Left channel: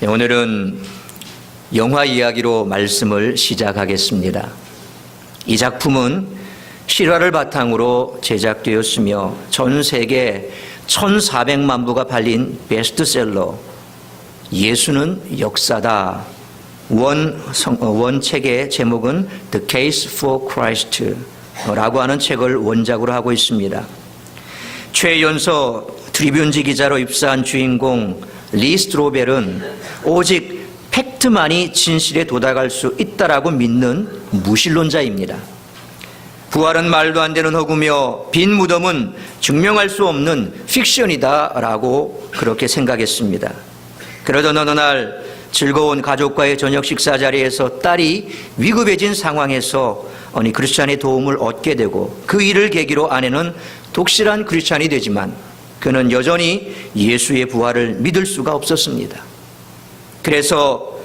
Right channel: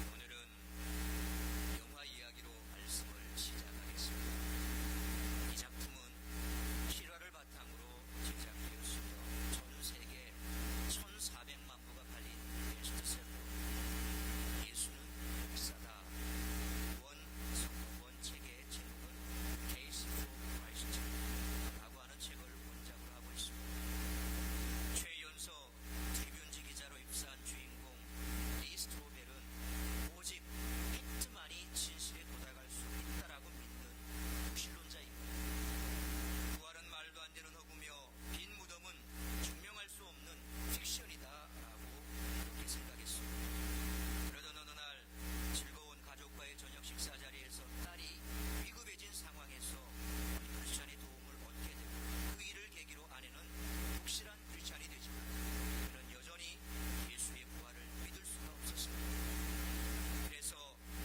오늘은 영화 이야기로 말씀을 시작하겠습니다. 이 작품은 실화를 바탕으로 제작되었으며 전 세계 1,400만 부가 팔린 베스트셀러 예수는 역사다. 원 책의 제목은 The Case for Christ 라고 하는 책을 원작으로 하고 있습니다. 최연소 트리뷴지 기자로 입사한 주인공 리 스트로벨은 오직 팩트만이 진실에 도달할 수 있다라고 믿는 무신론자입니다. 부활은 말도 안 되는 허구며 빈 무덤은 증명할 수 없는 픽션이다라고 그렇게 생각했습니다. 그러던 어느 날 즐거운 가족과의 저녁 식사 자리에서 딸이 위급해진 상황에서 크리스찬의 도움을 얻게 되고 그 일을 계기로 아내는 독실한 크리스찬이 되지만 그는 여전히 예수의 부활을 믿을 수가 없었습니다. 그래서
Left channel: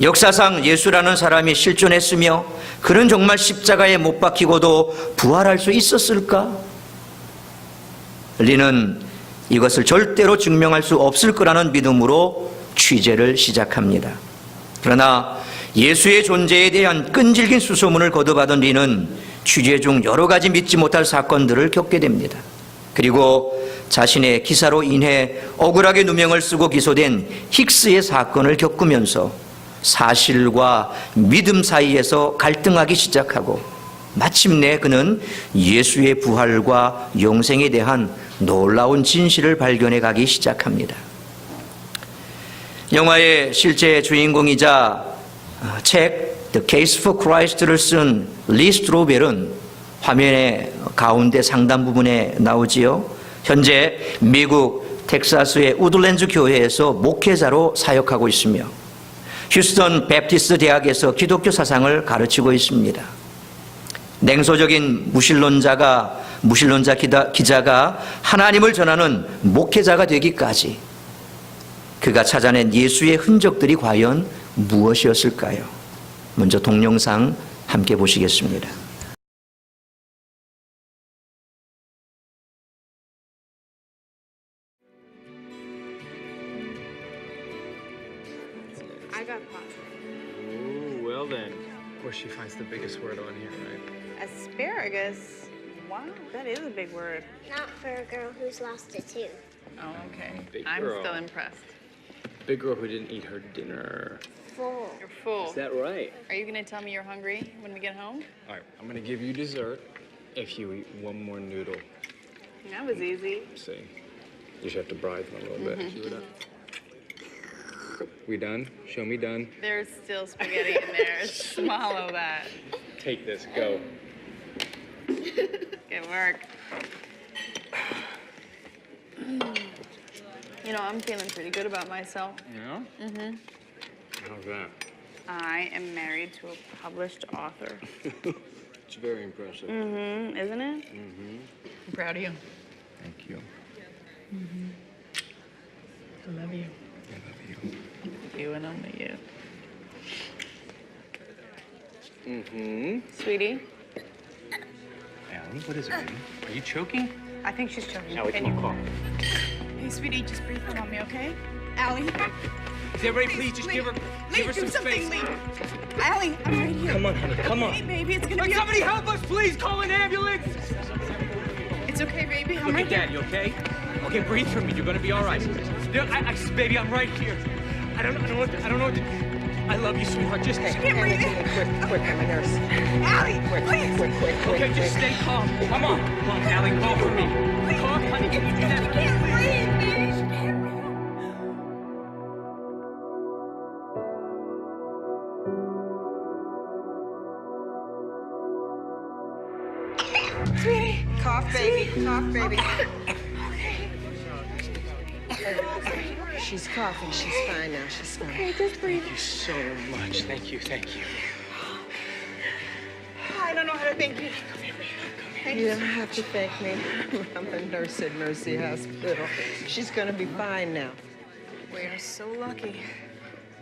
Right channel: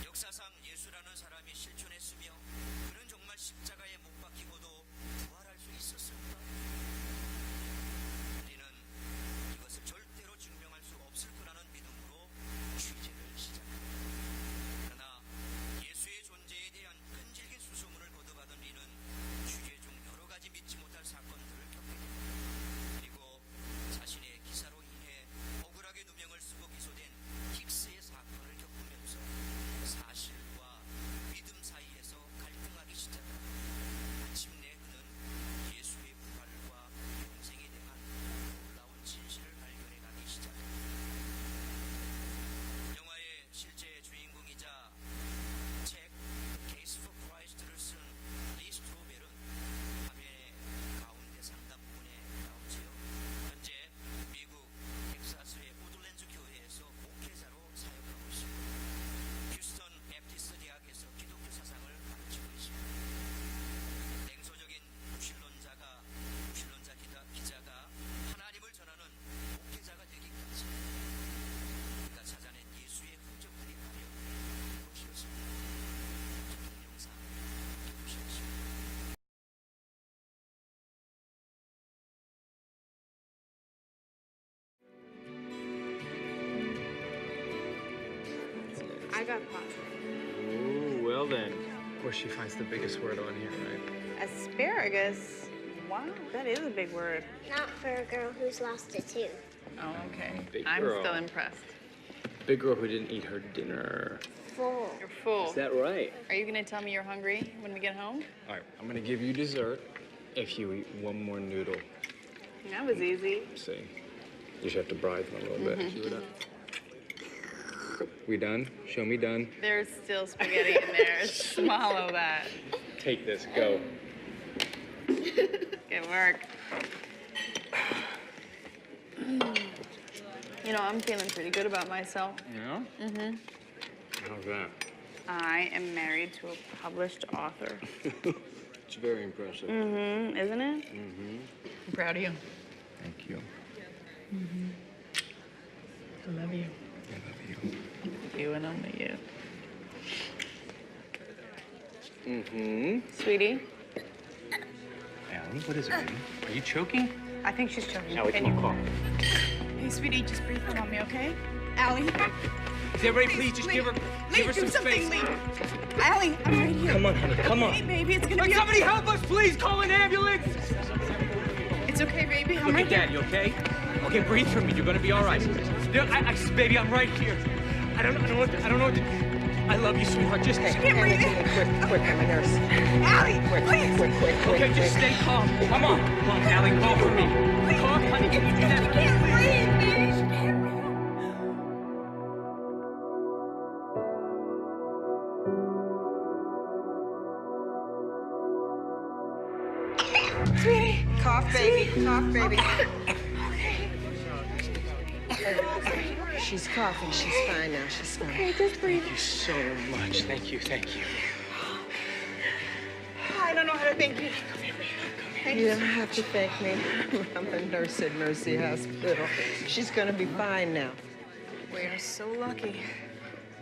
역사상 예수라는 사람이 실존했으며 그는 정말 십자가에 못 박히고도 부활할 수 있었을까? 리는 이것을 절대로 증명할 수 없을 거라는 믿음으로 취재를 시작합니다. 그러나 예수의 존재에 대한 끈질긴 수소문을 거듭하던 리는 취재 중 여러 가지 믿지 못할 사건들을 겪게 됩니다. 그리고 자신의 기사로 인해 억울하게 누명을 쓰고 기소된 힉스의 사건을 겪으면서 사실과 믿음 사이에서 갈등하기 시작하고 마침내 그는 예수의 부활과 영생에 대한 놀라운 진실을 발견해 가기 시작합니다. 영화의 실제 주인공이자 책 The Case for Christ를 쓴 리 스트로벨은 화면의 가운데 상단 부분에 나오지요. 현재 미국 텍사스의 우드랜드 교회에서 목회자로 사역하고 있으며 휴스턴 베프티스트 대학에서 기독교 사상을 가르치고 있습니다. 냉소적인 무신론자 기자가 하나님을 전하는 목회자가 되기까지 그가 찾아낸 예수의 흔적들이 과연 무엇이었을까요? 먼저 동영상 함께 보시겠습니다. I got pasta. Ooh, well then. Of course she finds the biggest word on here, right? Asparagus? Wow, that is a big word. Not for a girl who's lost a tooth. Oh, okay. Big I'm girl. still impressed. Big girl who didn't eat her dinner. Full. You're full. Is that right? Are you gonna tell me you're hungry when we get home? All right, I'm gonna give you dessert if you eat one more noodle. That was easy. See, you just have to bribe them a little bit. See what that? We done? Show me done. There's still spaghetti in there. Swallow that. Take this, go. Good work. You know, I'm feeling pretty good about myself. Yeah? Mm-hmm. How's that? I am married to a published author. It's very impressive. Mm-hmm, isn't it? Mm-hmm. I'm proud of you. Thank you. I love you. I love you. You and only you. Mm-hmm. Sweetie, Allie, what is it, baby? Are you choking? I think she's choking. Allie, come on, call. Hey, sweetie, just breathe for mommy, okay? Allie. Everybody, please just give her some space. Lee. Allie, I'm right here. Come on, honey, come Hey, on. baby, it's gonna Will be somebody help us, please? Call an ambulance. It's okay, baby. I'm Look right at here. Daddy, okay? Okay, breathe for me. You're gonna be all right. Baby, I'm right here. I don't know what to. I love you, sweetheart. Just Can't breathe. Quick, I'm a nurse. Allie, please. Quick. okay. Just stay calm. Come on, Allie, call for me. Talk, honey. Can you do that? She can't breathe, baby. She can't breathe. Sweetie. Cough, baby. Cough, baby. She's coughing. She's fine now. She's fine. Okay, just breathe. Thank you so much. Thank you, thank you. I don't know how to thank you. You don't have to thank me. I'm a nurse at Mercy Hospital. She's gonna be fine now. We are so lucky.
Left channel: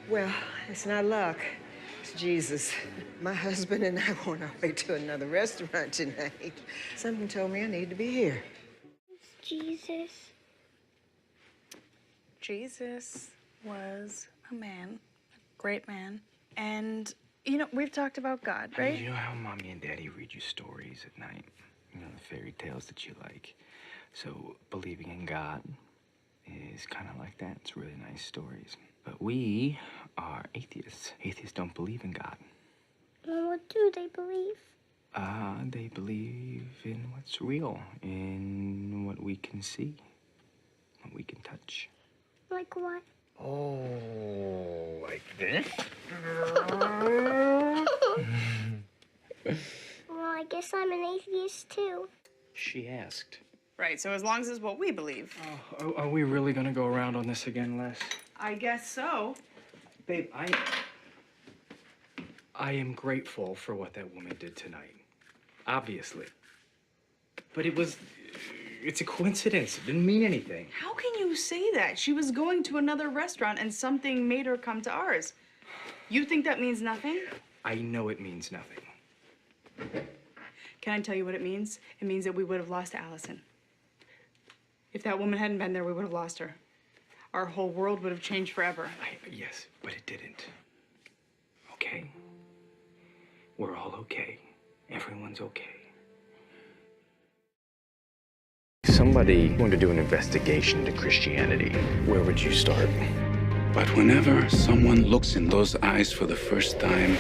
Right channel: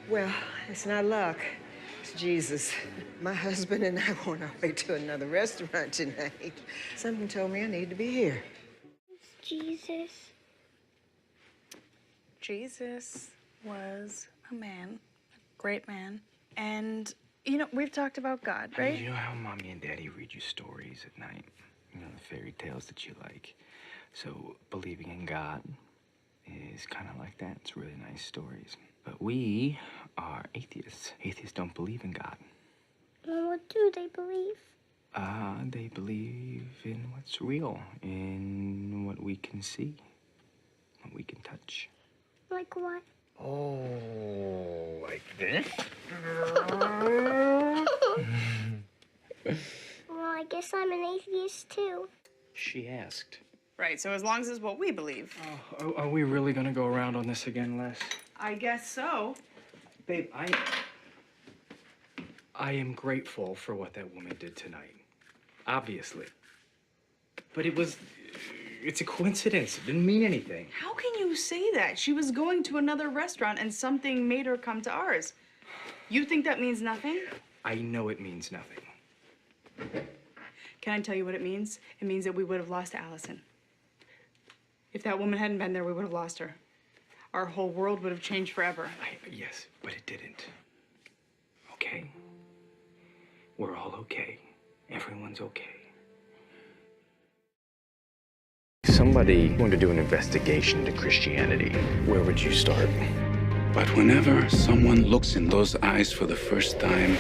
Well, it's not luck. It's Jesus. My husband and I were on our way to another restaurant tonight. Something told me I need to be here. Jesus. Jesus was a man, a great man. And, you know, we've talked about God, right? You know how mommy and daddy read you stories at night? You know, the fairy tales that you like. So believing in God is kind of like that. It's really nice stories. But we are atheists. Atheists don't believe in God. Well, what do they believe? They believe in what's real, in what we can see, what we can touch. Like what? Oh, like this? Well, I guess I'm an atheist too. She asked. Right, so as long as it's what we believe. Are we really gonna go around on this again, Les? I guess so. Babe, I am grateful for what that woman did tonight. Obviously. But it's a coincidence. It didn't mean anything. How can you say that? She was going to another restaurant and something made her come to ours. You think that means nothing? I know it means nothing. Can I tell you what it means? It means that we would have lost Allison. If that woman hadn't been there, we would have lost her. Our whole world would have changed forever. Yes, but it didn't. Okay? We're all okay. Everyone's okay. Somebody going to do an investigation into Christianity. Where would you start? But whenever someone looks in those eyes for the first time,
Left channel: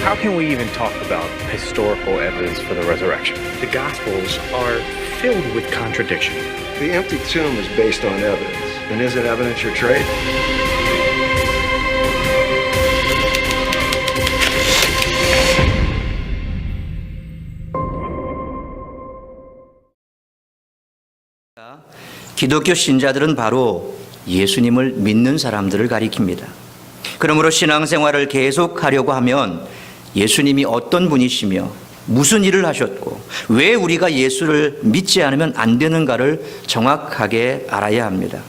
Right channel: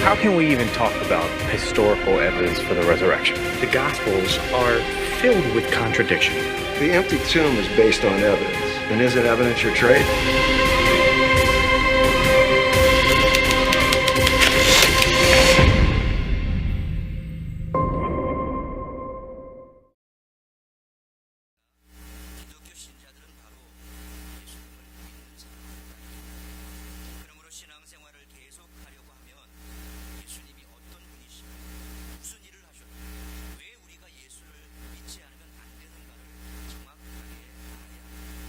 How can we even talk about historical evidence for the resurrection? The Gospels are filled with contradiction. The empty tomb is based on evidence. And isn't evidence your trade? 기독교 신자들은 바로 예수님을 믿는 사람들을 가리킵니다. 그러므로 신앙생활을 계속하려고 하면 예수님이 어떤 분이시며 무슨 일을 하셨고 왜 우리가 예수를 믿지 않으면 안 되는가를 정확하게 알아야 합니다.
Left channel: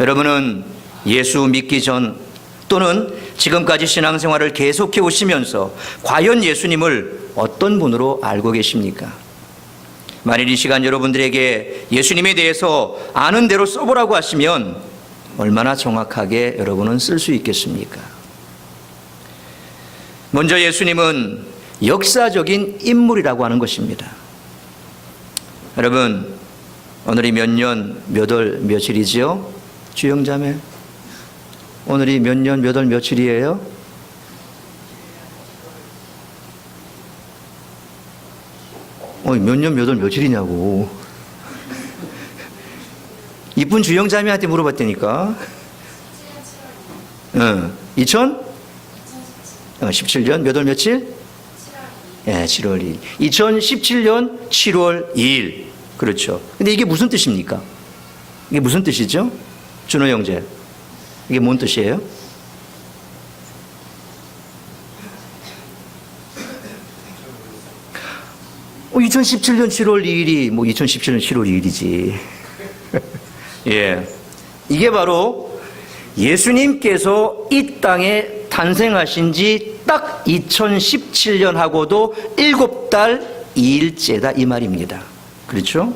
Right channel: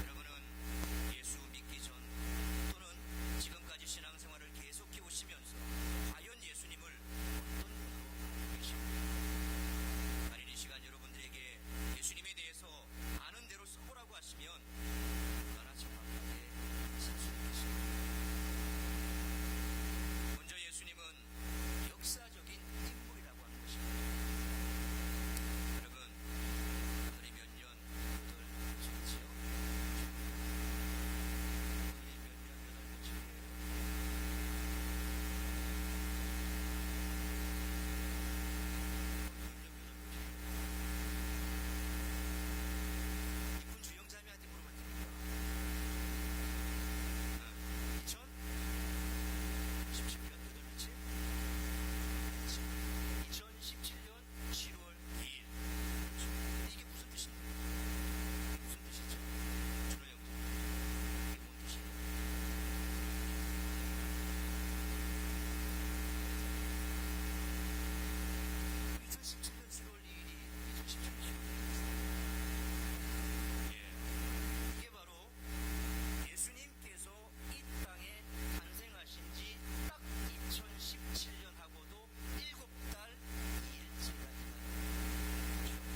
여러분은 예수 믿기 전 또는 지금까지 신앙생활을 계속해 오시면서 과연 예수님을 어떤 분으로 알고 계십니까? 만일 이 시간 여러분들에게 예수님에 대해서 아는 대로 써보라고 하시면 얼마나 정확하게 여러분은 쓸 수 있겠습니까? 먼저 예수님은 역사적인 인물이라고 하는 것입니다. 여러분, 오늘이 몇 년, 몇 월, 며칠이지요? 주영자매, 오늘이 몇 년, 몇 월, 며칠이에요? 몇 년, 몇 월, 며칠이냐고. 이쁜 주영자매한테 물어봤다니까. 2017년 몇 월 며칠? 7월 2일. 2017년 7월 2일. 그렇죠. 근데 이게 무슨 뜻입니까? 이게 무슨 뜻이죠? 준호 형제. 이게 뭔 뜻이에요? 어, 2017년 7월 2일이 2017년 7월 2일이지. 예. 이게 바로 예수님께서 이 땅에 탄생하신 지 딱 2017년하고도 7달 2일째다 이 말입니다. 그렇죠?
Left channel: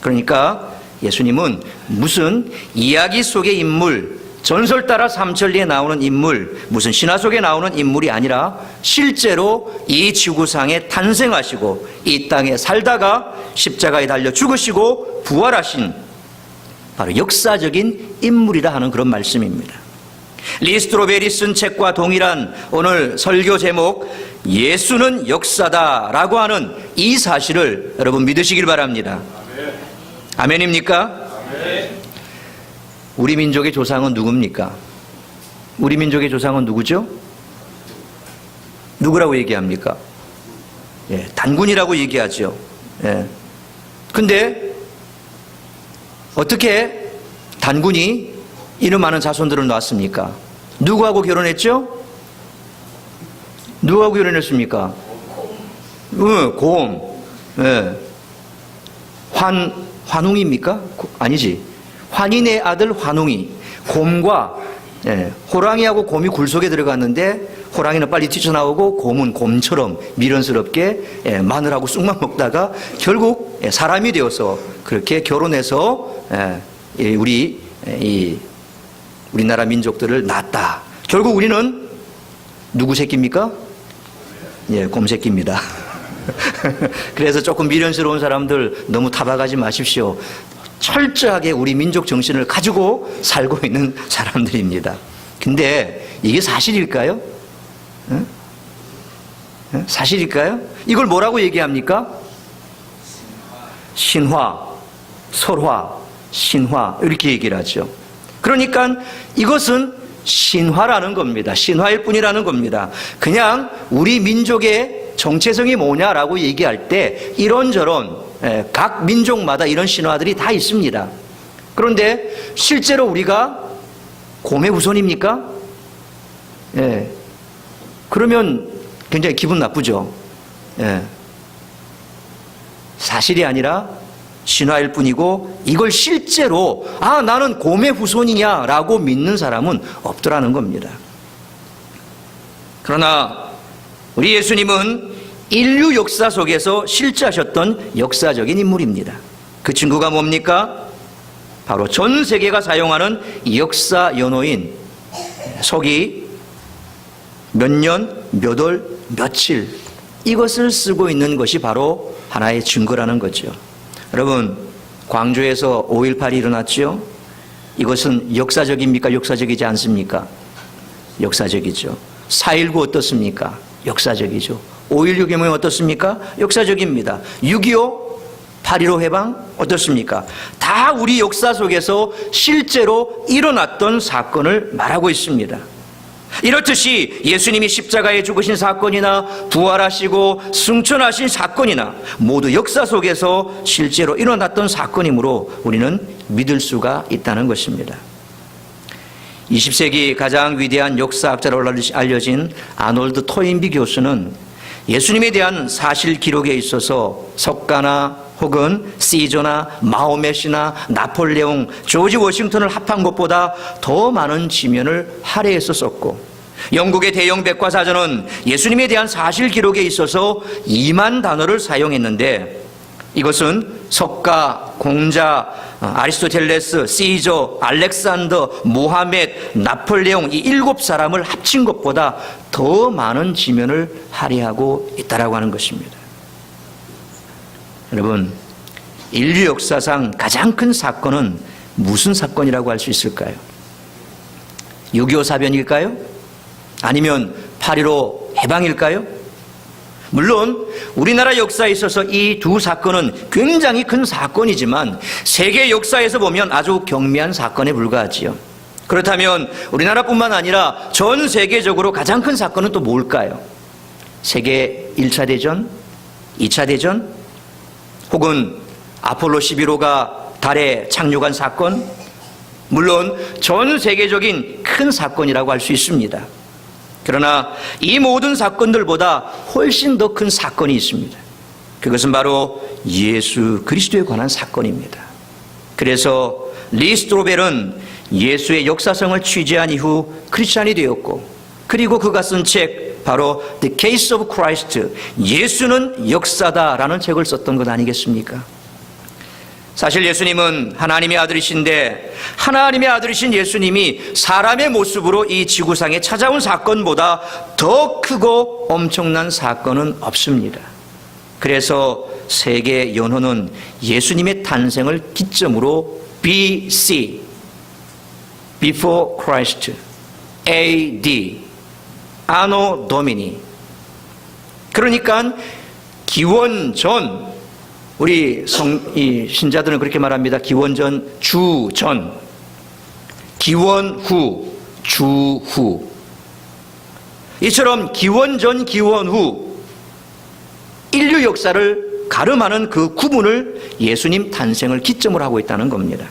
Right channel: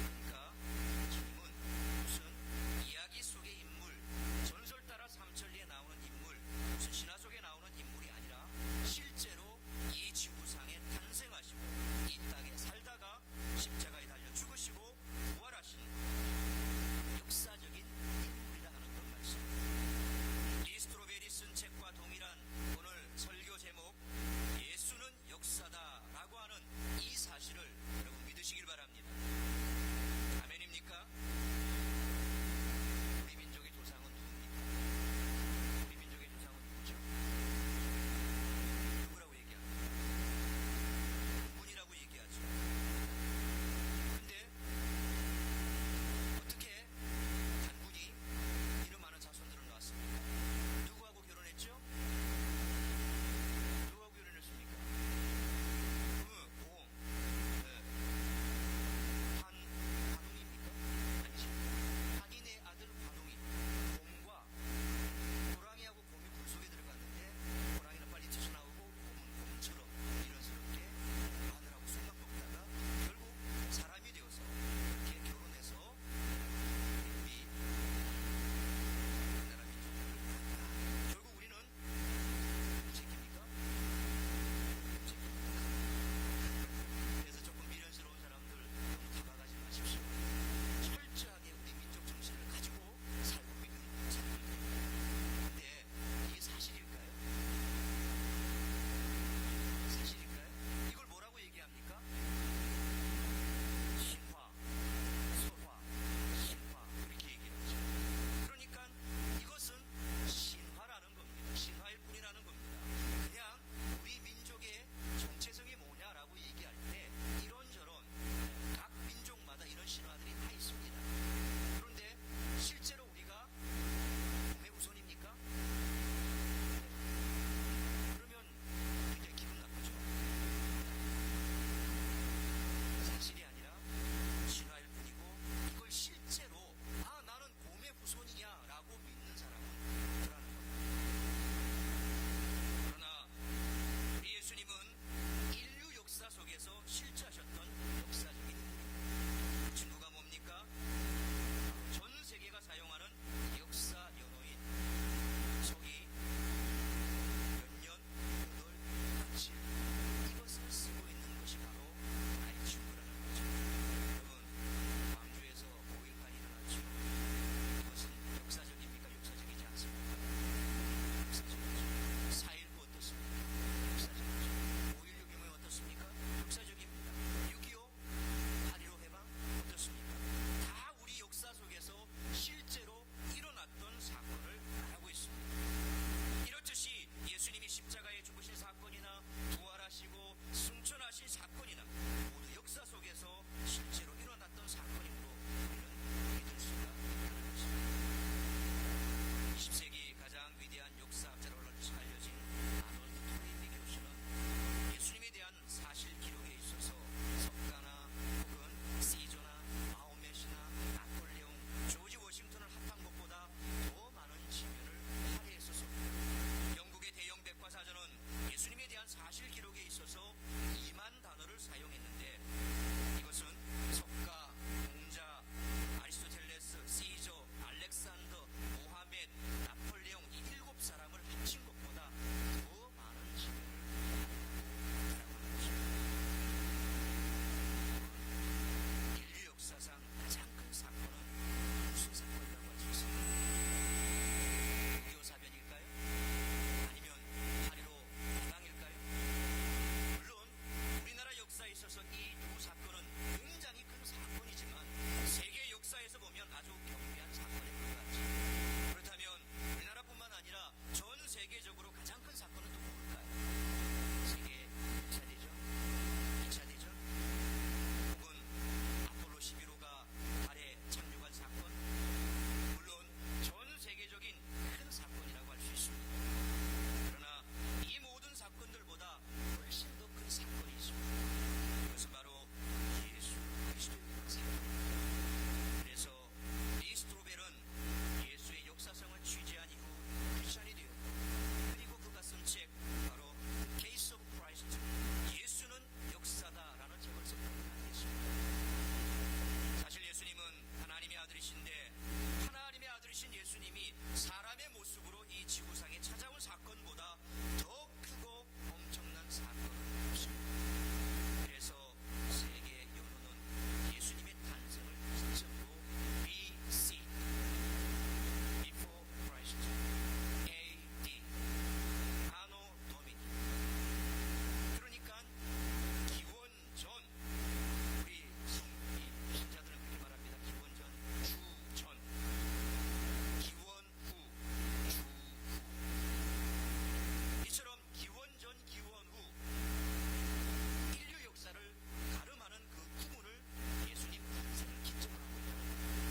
그러니까 예수님은 무슨 이야기 속의 인물, 전설 따라 삼천리에 나오는 인물, 무슨 신화 속에 나오는 인물이 아니라 실제로 이 지구상에 탄생하시고 이 땅에 살다가 십자가에 달려 죽으시고 부활하신 바로 역사적인 인물이라 하는 그런 말씀입니다. 리 스트로벨이 쓴 책과 동일한 오늘 설교 제목 예수는 역사다라고 하는 이 사실을 여러분 믿으시길 바랍니다. 아멘입니까? 우리 민족의 조상은 누굽니까? 우리 민족의 조상은 누구죠? 누구라고 얘기합니까? 예, 단군이라고 얘기하죠. 예. 근데 어떻게 단군이 이름 많은 자손들을 낳았습니까? 누구하고 결혼했죠? 누구하고 결혼했습니까? 곰. 예. 환웅입니까? 아니지. 환인의 아들 환웅이 곰과 호랑이하고 곰이 굴 속에 들어갔는데 호랑이는 빨리 뛰쳐나오고 곰은 곰처럼 미련스럽게 마늘하고 쑥만 먹다가 결국 사람이 되어서 그렇게 결혼해서 우리 우리나라 민족들을 낳았다. 결국 우리는 누구 새끼입니까? 예, 곰 새끼입니다. 그래서 조금 미련스러운 사람들 너무 타박하지 마십시오. 철저하게 우리 민족 정신을 가지고 살고 있는 사람들입니다. 근데 이게 사실일까요? 응? 사실일까요? 이걸 뭐라고 얘기합니까? 신화, 설화, 신화 이렇게 얘기를 하죠. 그러니까 이것은 신화라는 겁니다. 신화일 뿐이라는 겁니다. 그냥 우리 민족의 정체성이 뭐냐라고 얘기할 때 이런저런 각 민족마다 이런 신화들이 다 있습니다. 그런데 실제로 우리가 곰의 후손입니까? 예. 그러면 굉장히 기분 나쁘죠. 예. 사실이 아니라 신화일 뿐이고 이걸 실제로 나는 곰의 후손이냐라고 믿는 사람은 없더라는 겁니다. 그러나 우리 예수님은 인류 역사 속에서 실제하셨던 역사적인 인물입니다. 그 친구가 뭡니까? 바로 전 세계가 사용하는 역사 연호인 서기 몇 년, 몇 월, 며칠 이것을 쓰고 있는 것이 바로 하나의 증거라는 거죠. 여러분, 광주에서 5.18이 일어났죠? 이것은 역사적입니까? 역사적이지 않습니까? 역사적이죠. 4.19 어떻습니까? 역사적이죠. 5.16 개명이 어떻습니까? 역사적입니다. 6.25, 8.15 해방 어떻습니까? 다 우리 역사 속에서 실제로 일어났던 사건을 말하고 있습니다. 이렇듯이 예수님이 십자가에 죽으신 사건이나 부활하시고 승천하신 사건이나 모두 역사 속에서 실제로 일어났던 사건이므로 우리는 믿을 수가 있다는 것입니다. 20세기 가장 위대한 역사학자로 알려진 아놀드 토인비 교수는 예수님에 대한 사실 기록에 있어서 석가나 혹은 시저나 마호멧이나 나폴레옹, 조지 워싱턴을 합한 것보다 더 많은 지면을 할애해서 썼고, 영국의 대형 백과사전은 예수님에 대한 사실 기록에 있어서 2만 단어를 사용했는데 이것은 석가, 공자, 아리스토텔레스, 시저, 알렉산더, 모하멧, 나폴레옹 이 7사람을 합친 것보다 더 많은 지면을 할애하고 있다라고 하는 것입니다. 여러분, 인류 역사상 가장 큰 사건은 무슨 사건이라고 할 수 있을까요? 6.25 사변일까요? 아니면 8.15 해방일까요? 물론 우리나라 역사에 있어서 이 두 사건은 굉장히 큰 사건이지만 세계 역사에서 보면 아주 경미한 사건에 불과하지요. 그렇다면 우리나라뿐만 아니라 전 세계적으로 가장 큰 사건은 또 뭘까요? 세계 1차 대전, 2차 대전, 혹은 아폴로 11호가 달에 착륙한 사건, 물론 전 세계적인 큰 사건이라고 할 수 있습니다. 그러나 이 모든 사건들보다 훨씬 더 큰 사건이 있습니다. 그것은 바로 예수 그리스도에 관한 사건입니다. 그래서 리 스트로벨은 예수의 역사성을 취재한 이후 크리스찬이 되었고, 그리고 그가 쓴 책 바로 The Case of Christ, 예수는 역사다라는 책을 썼던 것 아니겠습니까? 사실 예수님은 하나님의 아들이신데 하나님의 아들이신 예수님이 사람의 모습으로 이 지구상에 찾아온 사건보다 더 크고 엄청난 사건은 없습니다. 그래서 세계 연호는 예수님의 탄생을 기점으로 BC, Before Christ, AD, Anno Domini, 그러니까 기원전, 우리 신자들은 그렇게 말합니다. 기원전, 주전, 기원후, 주후. 이처럼 기원전, 기원후 인류 역사를 가름하는 그 구분을 예수님 탄생을 기점으로 하고 있다는 겁니다.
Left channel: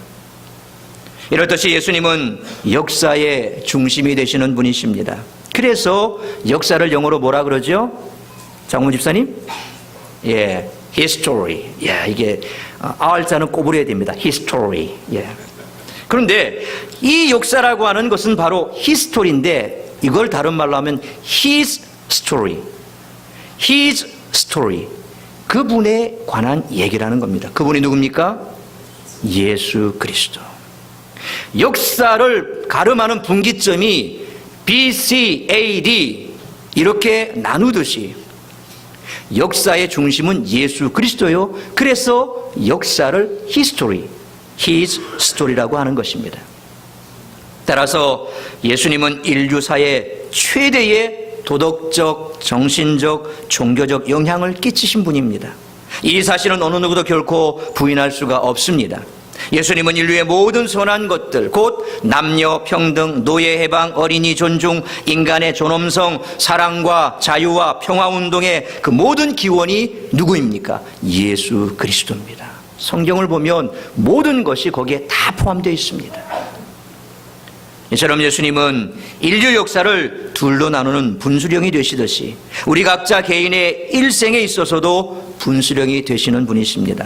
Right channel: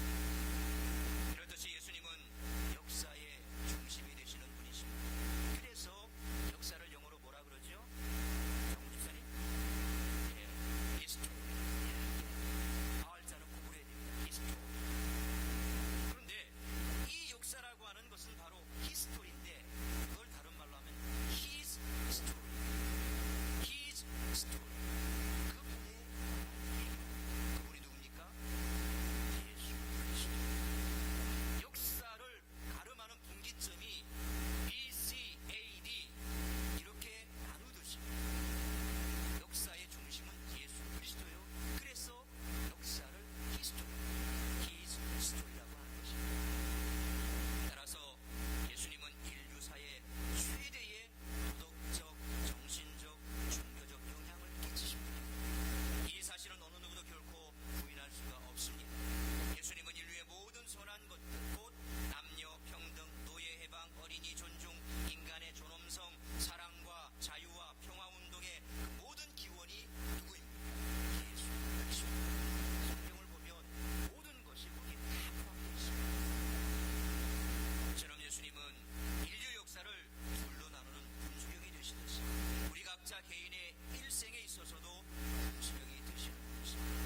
이렇듯이 예수님은 역사의 중심이 되시는 분이십니다. 그래서 역사를 영어로 뭐라 그러죠? 장문 집사님? 예, history. 예, 이게 R자는 꼬부려야 됩니다. history. 예. 그런데 이 역사라고 하는 것은 바로 history인데 이걸 다른 말로 하면 his story. his story. 그분에 관한 얘기라는 겁니다. 그분이 누굽니까? 예수 그리스도. 역사를 가름하는 분기점이 BC, AD 이렇게 나누듯이 역사의 중심은 예수 그리스도요. 그래서 역사를 history, his story라고 하는 것입니다. 따라서 예수님은 인류사의 최대의 도덕적, 정신적, 종교적 영향을 끼치신 분입니다. 이 사실은 어느 누구도 결코 부인할 수가 없습니다. 예수님은 인류의 모든 선한 것들, 곧 남녀 평등, 노예 해방, 어린이 존중, 인간의 존엄성, 사랑과 자유와 평화운동의 그 모든 기원이 누구입니까? 예수 그리스도입니다. 성경을 보면 모든 것이 거기에 다 포함되어 있습니다. 이처럼 예수님은 인류 역사를 둘로 나누는 분수령이 되시듯이 우리 각자 개인의 일생에 있어서도 분수령이 되시는 분이십니다.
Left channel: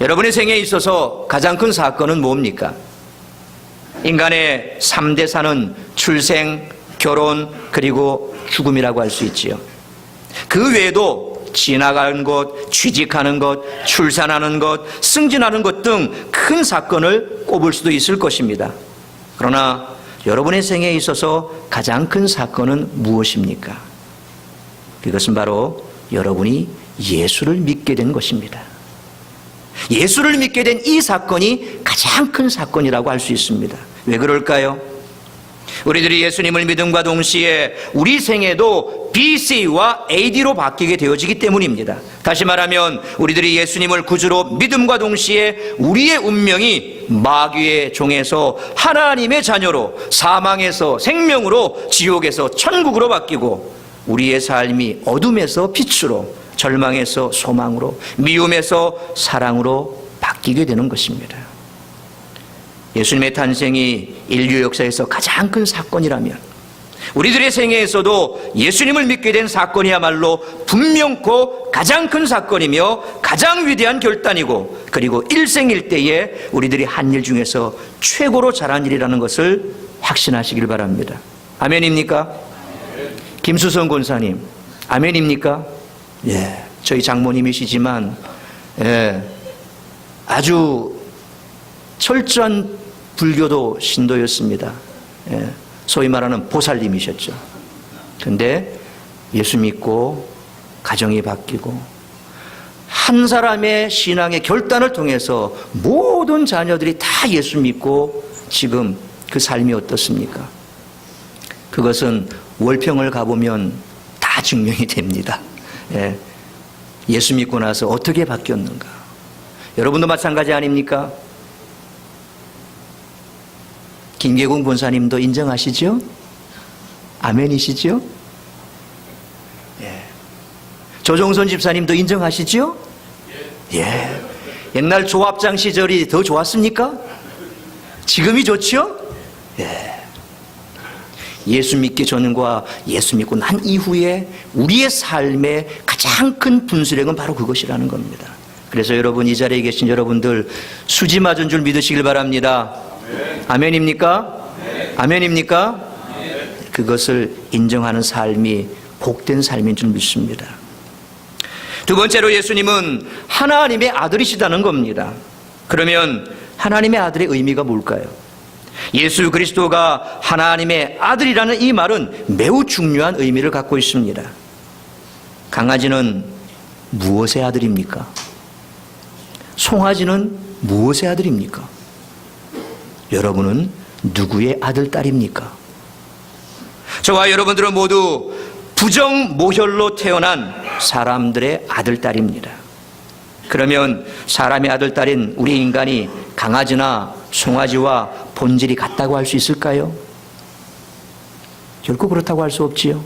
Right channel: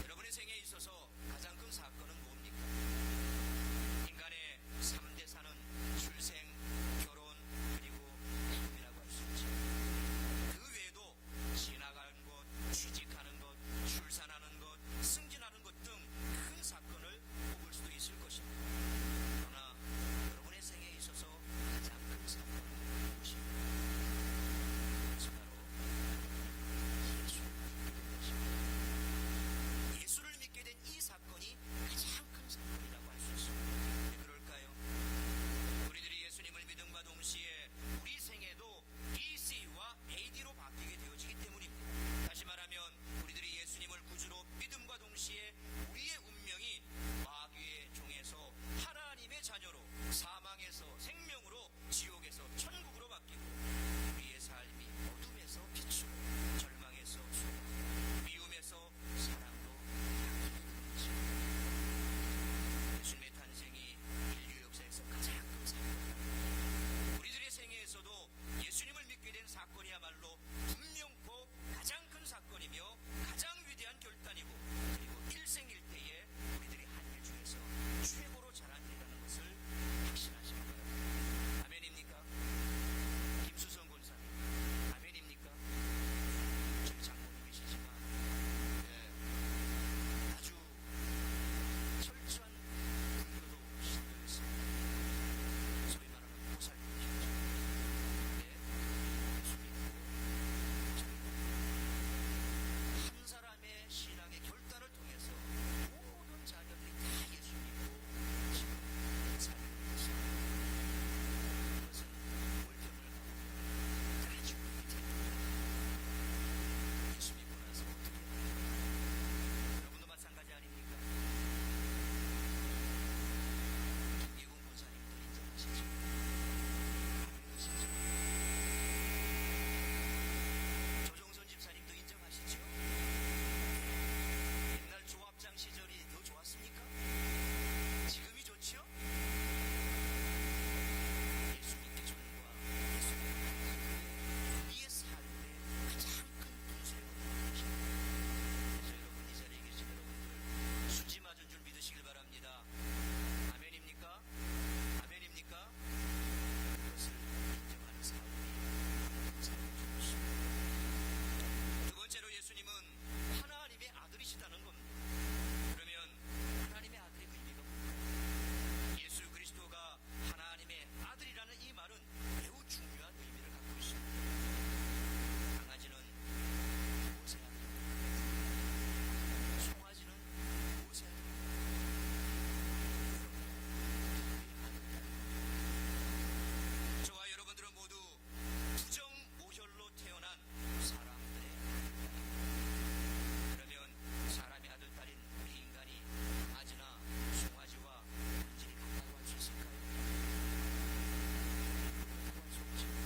여러분의 생에 있어서 가장 큰 사건은 뭡니까? 인간의 3대사는 출생, 결혼, 그리고 죽음이라고 할 수 있지요. 그 외에도 지나가는 것, 취직하는 것, 출산하는 것, 승진하는 것 등 큰 사건을 꼽을 수도 있을 것입니다. 그러나 여러분의 생에 있어서 가장 큰 사건은 무엇입니까? 그것은 바로 여러분이 예수를 믿게 된 것입니다. 예수를 믿게 된 이 사건이 가장 큰 사건이라고 할 수 있습니다. 왜 그럴까요? 우리들이 예수님을 믿음과 동시에 우리 생애도 BC와 AD로 바뀌게 되어지기 때문입니다. 다시 말하면 우리들이 예수님을 구주로 믿음과 동시에 우리의 운명이 마귀의 종에서 하나님의 자녀로, 사망에서 생명으로, 지옥에서 천국으로 바뀌고 우리의 삶이 어둠에서 빛으로, 절망에서 소망으로, 미움에서 사랑으로 바뀌게 되는 것입니다. 예수님의 탄생이 인류 역사에서 가장 큰 사건이라면 우리들의 생애에서도 예수님을 믿게 된 사건이야말로 분명코 가장 큰 사건이며 가장 위대한 결단이고, 그리고 일생일대에 우리들이 한 일 중에서 최고로 잘한 일이라는 것을 확신하시길 바랍니다. 아멘입니까? 김수성 권사님, 아멘입니까? 예, 저희 장모님이시지만 아주 철저한 불교도 신도였습니다. 소위 말하는 보살님이셨죠. 근데 예수 믿고 가정이 바뀌고 한 사람의 신앙의 결단을 통해서 모든 자녀들이 다 예수 믿고 지금 그 삶이 어떻습니까? 그것은 월평을 가보면 다 증명이 됩니다. 예수 믿고 나서 어떻게 바뀌었는가? 여러분도 마찬가지 아닙니까? 김계공 본사님도 인정하시죠? 아멘이시죠? 예. 조종선 집사님도 인정하시죠? 예. 옛날 조합장 시절이 더 좋았습니까? 지금이 좋죠? 예. 예수 믿기 전과 예수 믿고 난 이후에 우리의 삶의 가장 큰 분수령은 바로 그것이라는 겁니다. 그래서 여러분, 이 자리에 계신 여러분들 수지 맞은 줄 믿으시길 바랍니다. 아멘입니까? 아멘입니까? 그것을 인정하는 삶이 복된 삶인 줄 믿습니다. 두 번째로 예수님은 하나님의 아들이시다는 겁니다. 그러면 하나님의 아들의 의미가 뭘까요? 예수 그리스도가 하나님의 아들이라는 이 말은 매우 중요한 의미를 갖고 있습니다. 강아지는 무엇의 아들입니까? 송아지는 무엇의 아들입니까? 여러분은 누구의 아들, 딸입니까? 저와 여러분들은 모두 부정모혈로 태어난 사람들의 아들, 딸입니다. 그러면 사람의 아들, 딸인 우리 인간이 강아지나 송아지와 본질이 같다고 할 수 있을까요? 결코 그렇다고 할 수 없지요.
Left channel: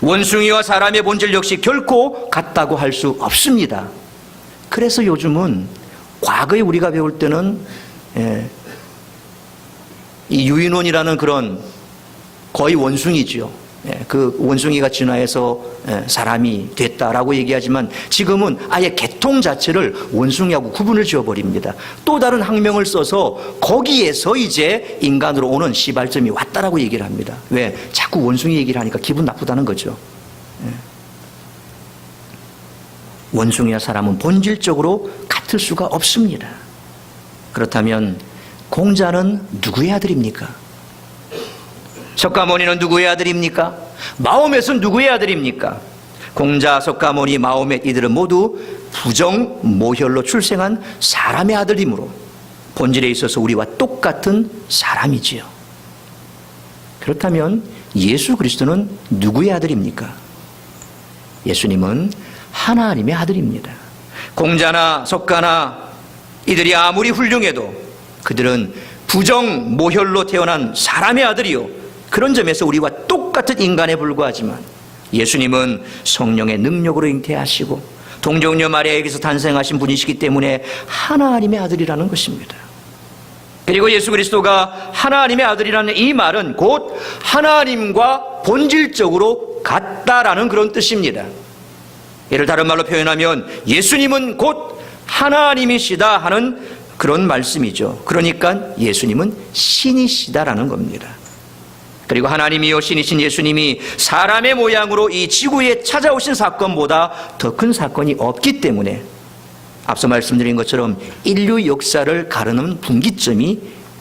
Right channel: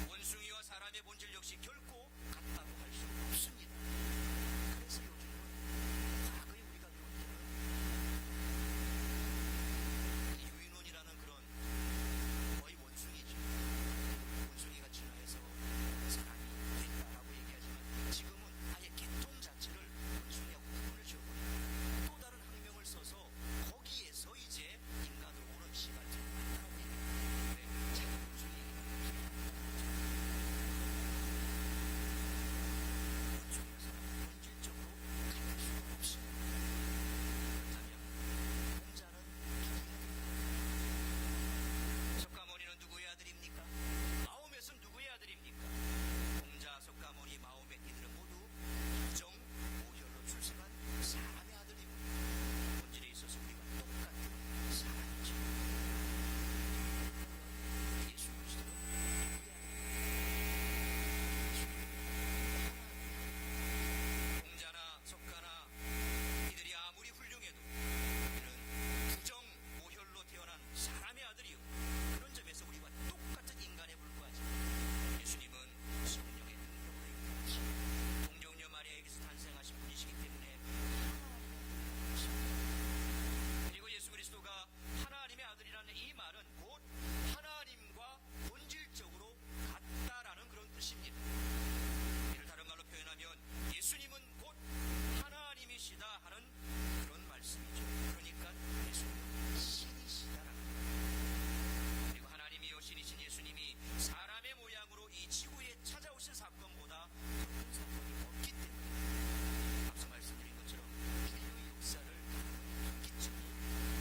원숭이와 사람의 본질 역시 결코 같다고 할 수 없습니다. 그래서 요즘은 과거에 우리가 배울 때는 이 유인원이라는 그런 거의 원숭이죠. 그 원숭이가 진화해서 사람이 됐다라고 얘기하지만 지금은 아예 계통 자체를 원숭이하고 구분을 지어버립니다. 또 다른 학명을 써서 거기에서 이제 인간으로 오는 시발점이 왔다라고 얘기를 합니다. 왜? 자꾸 원숭이 얘기를 하니까 기분 나쁘다는 거죠. 원숭이와 사람은 본질적으로 같을 수가 없습니다. 그렇다면 공자는 누구의 아들입니까? 석가모니는 누구의 아들입니까? 마호멧은 누구의 아들입니까? 공자, 석가모니, 마호멧 이들은 모두 부정 모혈로 출생한 사람의 아들이므로 본질에 있어서 우리와 똑같은 사람이지요. 그렇다면 예수 그리스도는 누구의 아들입니까? 예수님은 하나님의 아들입니다. 공자나 석가나 이들이 아무리 훌륭해도 그들은 부정 모혈로 태어난 사람의 아들이요, 그런 점에서 우리와 똑같은 인간에 불과하지만 예수님은 성령의 능력으로 잉태하시고 동정녀 마리아에게서 탄생하신 분이시기 때문에 하나님의 아들이라는 것입니다. 그리고 예수 그리스도가 하나님의 아들이라는 이 말은 곧 하나님과 본질적으로 같다라는 그런 뜻입니다. 이를 다른 말로 표현하면 예수님은 곧 하나님이시다 하는 그런 말씀이죠. 그러니까 예수님은 신이시다라는 겁니다. 그리고 하나님이요 신이신 예수님이 사람의 모양으로 이 지구에 찾아오신 사건보다 더 큰 사건이 없기 때문에 앞서 말씀드린 것처럼 인류 역사를 가르는 분기점이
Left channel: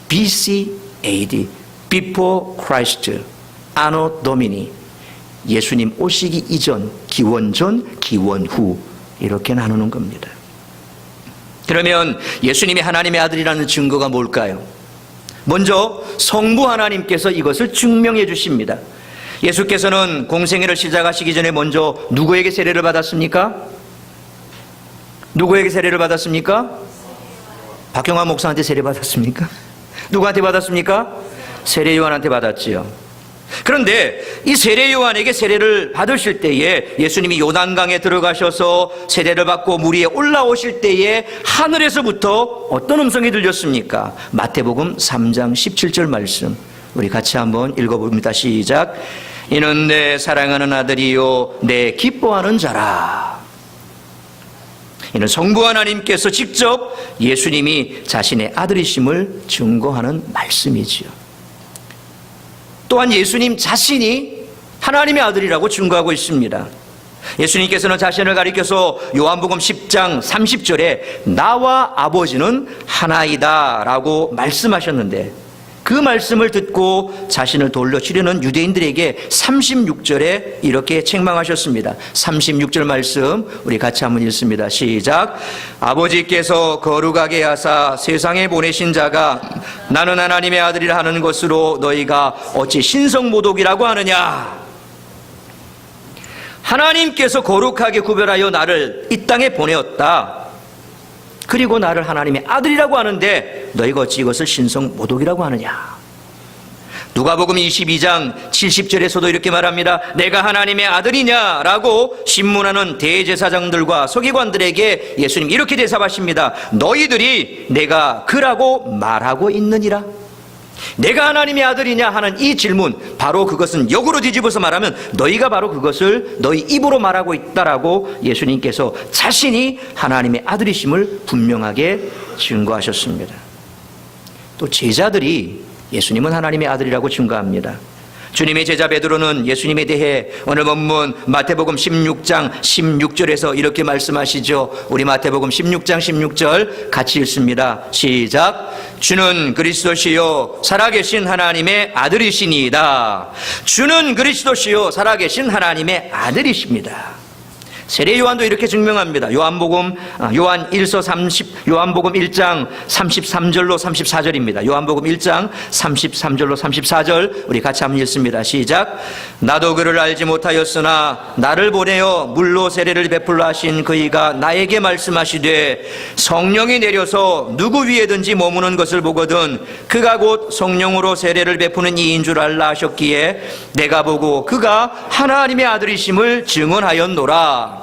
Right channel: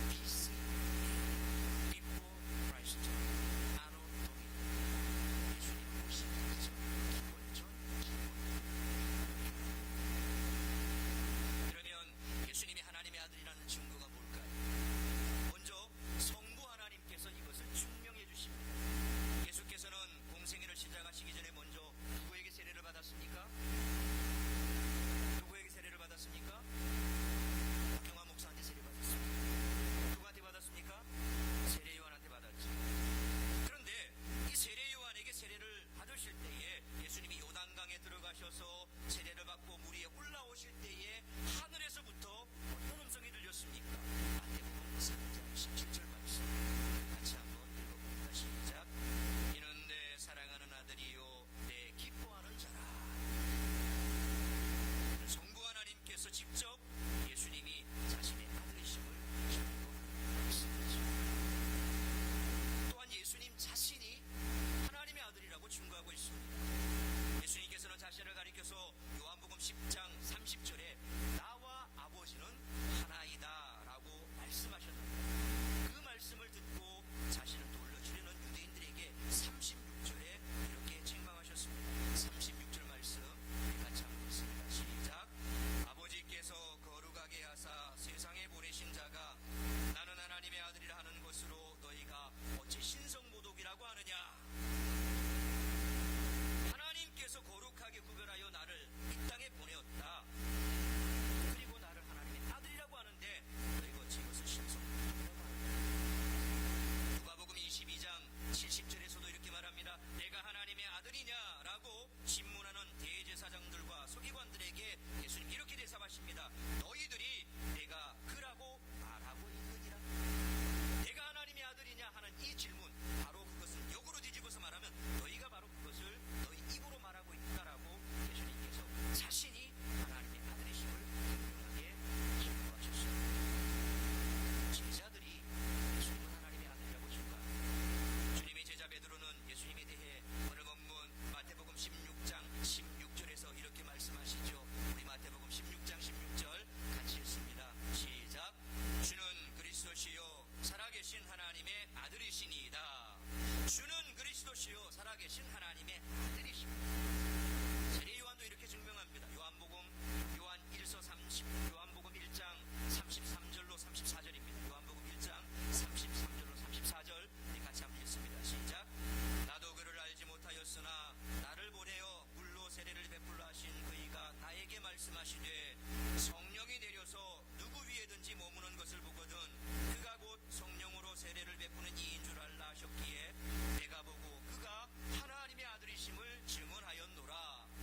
BC AD, Before Christ, Anno Domini, 예수님 오시기 이전, 기원 전, 기원 후 이렇게 나누는 겁니다. 그러면 예수님이 하나님의 아들이라는 증거가 뭘까요? 먼저 성부 하나님께서 이것을 증명해 주십니다. 예수께서는 공생애를 시작하시기 전에 먼저 누구에게 세례를 받았습니까? 누구에게 세례를 받았습니까? 박경화 목사한테 세례 받았습니까? 누구한테 받았습니까? 세례 요한한테 받았지요. 그런데 이 세례 요한에게 세례를 받으실 때에 예수님이 요단강에 들어가셔서 세례를 받고 물 위에 올라오실 때에 하늘에서부터 어떤 음성이 들렸습니까? 마태복음 3장 17절 말씀 우리 같이 한번 읽어봅니다. 시작. 이는 내 사랑하는 아들이요 내 기뻐하는 자라. 이는 성부 하나님께서 직접 예수님이 자신의 아들이심을 증거하는 말씀이지요. 또한 예수님 자신이 하나님의 아들이라고 증거하고 있습니다. 예수님께서는 자신을 가리켜서 요한복음 10장 30절에 나와 아버지는 하나이다 라고 말씀하셨는데 그 말씀을 듣고 자신을 돌려치려는 유대인들에게 36절에 이렇게 책망하셨습니다. 36절 말씀 우리 같이 한번 읽습니다. 시작. 아버지께서 거룩하게 하사 세상에 보내신 자가 나는 하나님의 아들이라 하는 것으로 너희가 어찌 신성모독이라고 하느냐. 하나님께서 거룩하게 구별하여 나를 이 땅에 보내었다. 그리고 나를 하나님의 아들이라고 하는데 너희가 어찌 이것을 신성모독이라고 하느냐. 누가복음 22장 70절에서도 이렇게 말합니다. 내가 하나님의 아들이냐라고 신문하는 대제사장들과 서기관들에게 예수님 이렇게 대답하십니다. 너희들이 내가 그라고 말하고 있느니라. 내가 하나님의 아들이냐 하는 이 질문, 바로 그것은 역으로 뒤집어서 말하면 너희가 바로 그것을 너희 입으로 말하고 있다라고 예수님께서 자신이 하나님의 아들이심을 분명하게 증거하셨습니다. 또 제자들이 예수님은 하나님의 아들이라고 증거합니다. 주님의 제자 베드로는 예수님에 대해 오늘 본문 마태복음 16장 16절에서 이렇게 말씀하시죠. 우리 마태복음 16장 16절 같이 읽습니다. 시작. 주는 그리스도시요 살아계신 하나님의 아들이시니이다. 주는 그리스도시요 살아계신 하나님의 아들이십니다. 세례 요한도 이렇게 증명합니다. 요한복음 1장 33절로 34절입니다. 요한복음 1장 33절로 34절 우리 같이 한번 읽습니다. 시작. 나도 그를 알지 못하였으나 나를 보내어 물로 세례를 베풀라 하신 그이가 나에게 말씀하시되 성령이 내려서 누구 위에든지 머무는 것을 보거든 그가 곧 성령으로 세례를 베푸는 이인 줄 알라 하셨기에 내가 보고 그가 하나님의 아들이심을 증언하였노라.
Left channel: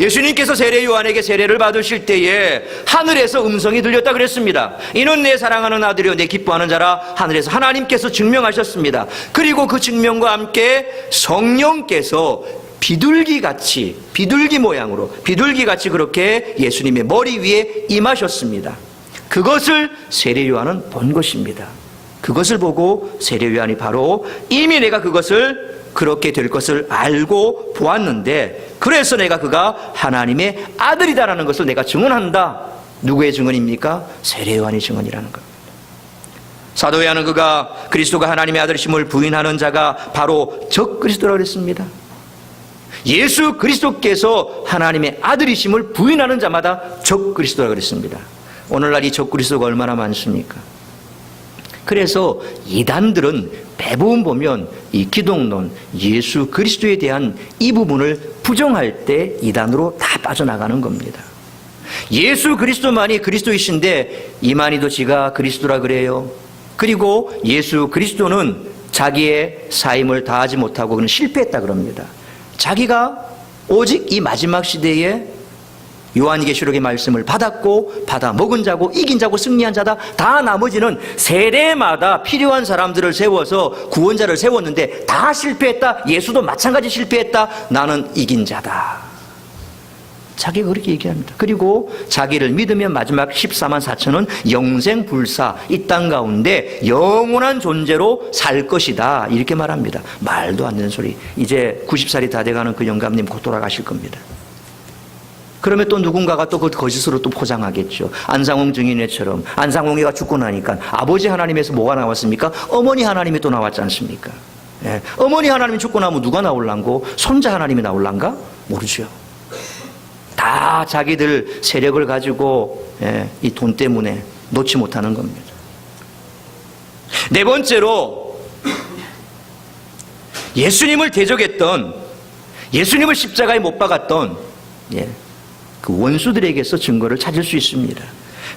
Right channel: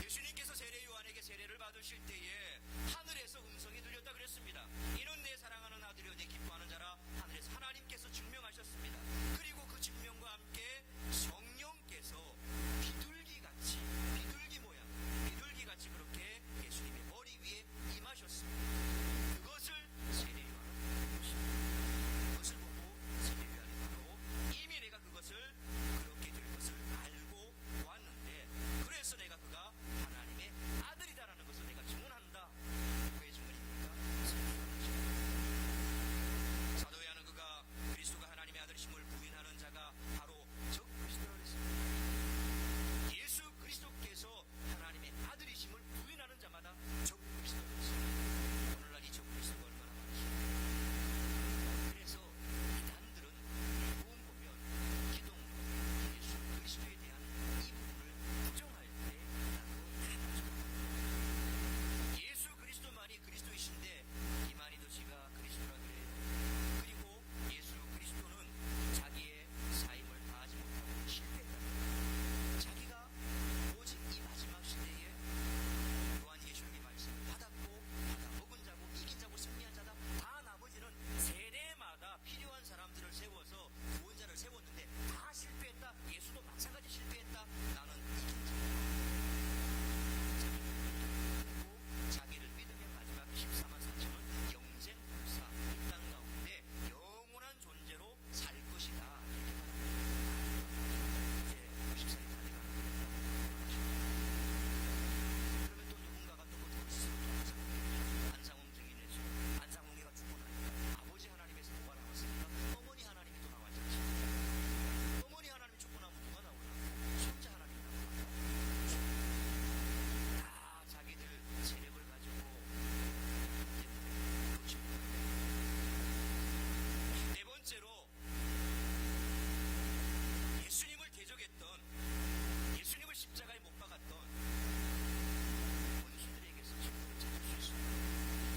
예수님께서 세례 요한에게 세례를 받으실 때에 하늘에서 음성이 들렸다 그랬습니다. 이는 내 사랑하는 아들이요 내 기뻐하는 자라. 하늘에서 하나님께서 증명하셨습니다. 그리고 그 증명과 함께 성령께서 비둘기같이 비둘기 모양으로 비둘기같이 그렇게 예수님의 머리 위에 임하셨습니다. 그것을 세례 요한은 본 것입니다. 그것을 보고 세례 요한이 바로 이미 내가 그것을 그렇게 될 것을 알고 보았는데 그래서 내가 그가 하나님의 아들이다라는 것을 내가 증언한다. 누구의 증언입니까? 세례 요한의 증언이라는 겁니다. 사도 요한은 그가 그리스도가 하나님의 아들이심을 부인하는 자가 바로 적그리스도라고 그랬습니다. 예수 그리스도께서 하나님의 아들이심을 부인하는 자마다 적그리스도라고 그랬습니다. 오늘날 이 적그리스도가 얼마나 많습니까? 그래서 이단들은 대부분 보면 이 기독론, 예수 그리스도에 대한 이 부분을 부정할 때 이단으로 다 빠져나가는 겁니다. 예수 그리스도만이 그리스도이신데 이만희도 지가 그리스도라 그래요. 그리고 예수 그리스도는 자기의 사임을 다하지 못하고 그는 실패했다 그럽니다. 자기가 오직 이 마지막 시대에 요한계시록의 말씀을 받았고 받아 먹은 자고 이긴 자고 승리한 자다. 다 나머지는 세례마다 필요한 사람들을 세워서 구원자를 세웠는데 다 실패했다. 예수도 마찬가지 실패했다. 나는 이긴 자다. 자기가 그렇게 얘기합니다. 그리고 자기를 믿으면 마지막 14만 4천은 영생불사, 이 땅 가운데 영원한 존재로 살 것이다. 이렇게 말합니다. 말도 안 되는 소리. 이제 90살이 다 돼가는 그 영감님 곧 돌아가실 겁니다. 그러면 또 누군가가 또 그 거짓으로 또 포장하겠죠. 안상홍 증인회처럼 안상홍이가 죽고 나니까 아버지 하나님에서 뭐가 나왔습니까? 어머니 하나님이 또 나왔지 않습니까? 예. 어머니 하나님이 죽고 나면 누가 나올란고? 손자 하나님이 나올란가? 모르죠. 다 자기들 세력을 가지고 이 돈 때문에 놓지 못하는 겁니다. 네 번째로 예수님을 대적했던, 예수님을 십자가에 못 박았던 그 원수들에게서 증거를 찾을 수 있습니다.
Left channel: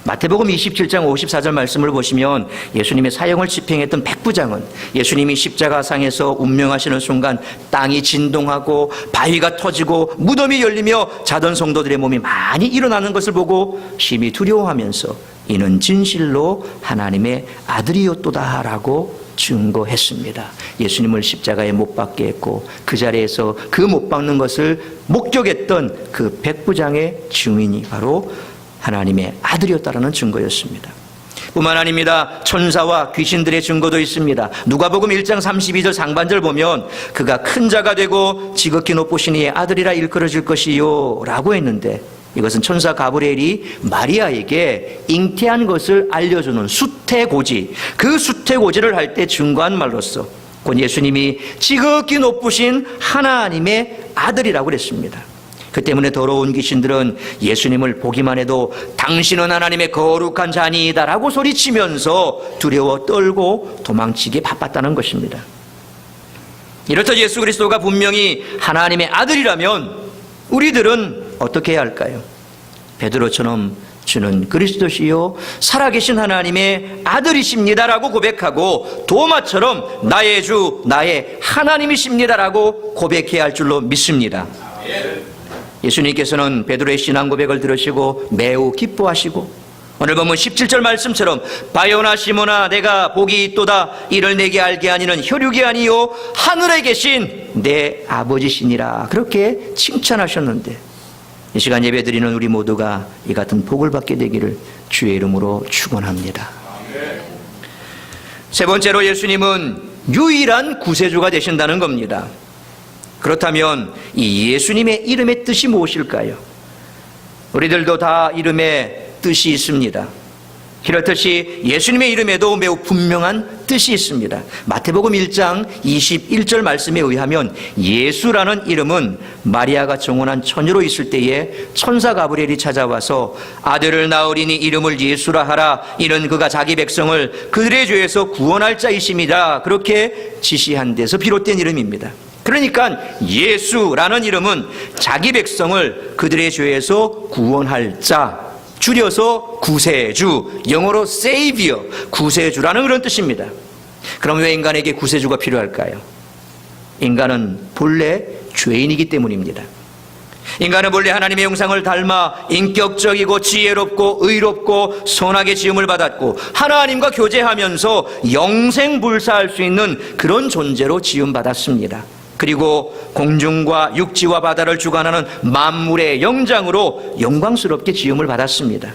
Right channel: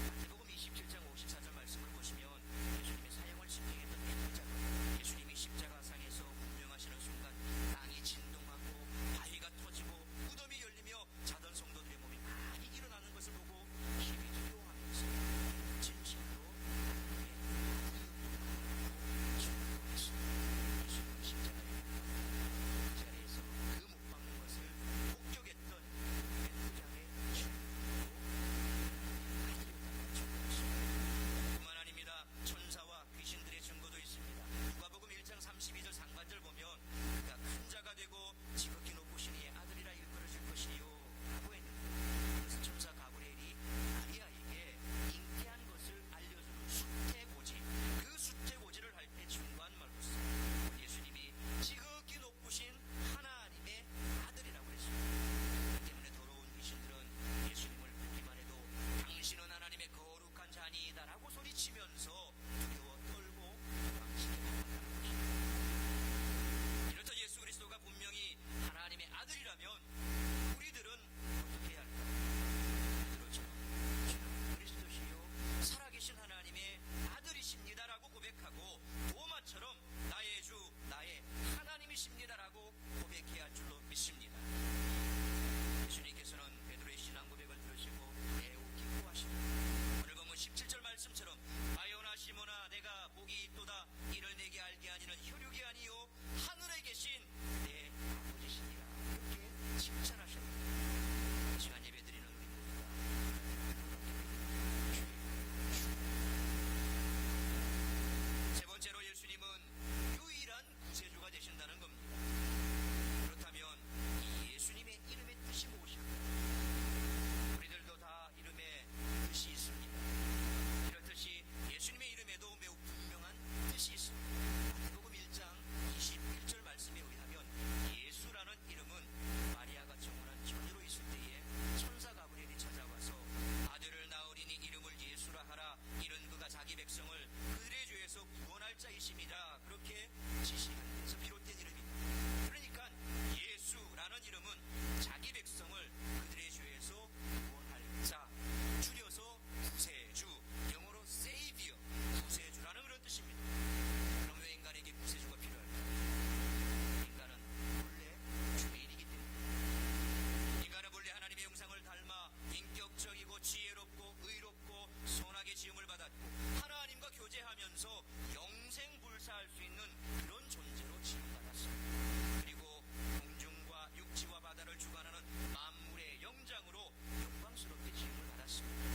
마태복음 27장 54절 말씀을 보시면 예수님의 사형을 집행했던 백부장은 예수님이 십자가상에서 운명하시는 순간 땅이 진동하고 바위가 터지고 무덤이 열리며 자던 성도들의 몸이 많이 일어나는 것을 보고 심히 두려워하면서 이는 진실로 하나님의 아들이었도다 라고 증거했습니다. 예수님을 십자가에 못 박게 했고 그 자리에서 그 못 박는 것을 목격했던 그 백부장의 증인이 바로 하나님의 아들이었다라는 증거였습니다. 뿐만 아닙니다. 천사와 귀신들의 증거도 있습니다. 누가복음 1장 32절 상반절 보면 그가 큰 자가 되고 지극히 높으신 이의 아들이라 일컬어질 것이요 라고 했는데 이것은 천사 가브리엘이 마리아에게 잉태한 것을 알려주는 수태고지, 그 수태고지를 할 때 증거한 말로서 곧 예수님이 지극히 높으신 하나님의 아들이라고 그랬습니다. 그 때문에 더러운 귀신들은 예수님을 보기만 해도 당신은 하나님의 거룩한 자니이다 라고 소리치면서 두려워 떨고 도망치기 바빴다는 것입니다. 이렇듯 예수 그리스도가 분명히 하나님의 아들이라면 우리들은 어떻게 해야 할까요? 베드로처럼 주는 그리스도시요 살아계신 하나님의 아들이십니다라고 고백하고 도마처럼 나의 주 나의 하나님이십니다라고 고백해야 할 줄로 믿습니다. 예수님께서는 베드로의 신앙 고백을 들으시고 매우 기뻐하시고 오늘 보면 17절 말씀처럼 바요나 시몬아 내가 복이 있도다 이를 내게 알게 하니는 혈육이 아니요 하늘에 계신 내 아버지시니라 그렇게 칭찬하셨는데 이 시간 예배드리는 우리 모두가 이 같은 복을 받게 되기를 주의 이름으로 축원합니다. 세 번째로 예수님은 유일한 구세주가 되신다는 겁니다. 그렇다면 이 예수님의 이름의 뜻이 무엇일까요? 우리들도 다 이름에 뜻이 있습니다. 그렇듯이 예수님의 이름에도 매우 분명한 뜻이 있습니다. 마태복음 1장 21절 말씀에 의하면 예수라는 이름은 마리아가 정혼한 처녀로 있을 때에 천사 가브리엘이 찾아와서 아들을 낳으리니 이름을 예수라 하라 이는 그가 자기 백성을 그들의 죄에서 구원할 자이심이다 그렇게 지시한 데서 비롯된 이름입니다. 그러니까 예수라는 이름은 자기 백성을 그들의 죄에서 구원할 자, 줄여서 구세주, 영어로 Savior, 구세주라는 그런 뜻입니다. 그럼 왜 인간에게 구세주가 필요할까요? 인간은 본래 죄인이기 때문입니다. 인간은 본래 하나님의 형상을 닮아 인격적이고 지혜롭고 의롭고 선하게 지음을 받았고 하나님과 교제하면서 영생불사할 수 있는 그런 존재로 지음받았습니다. 그리고 공중과 육지와 바다를 주관하는 만물의 영장으로 영광스럽게 지음을 받았습니다.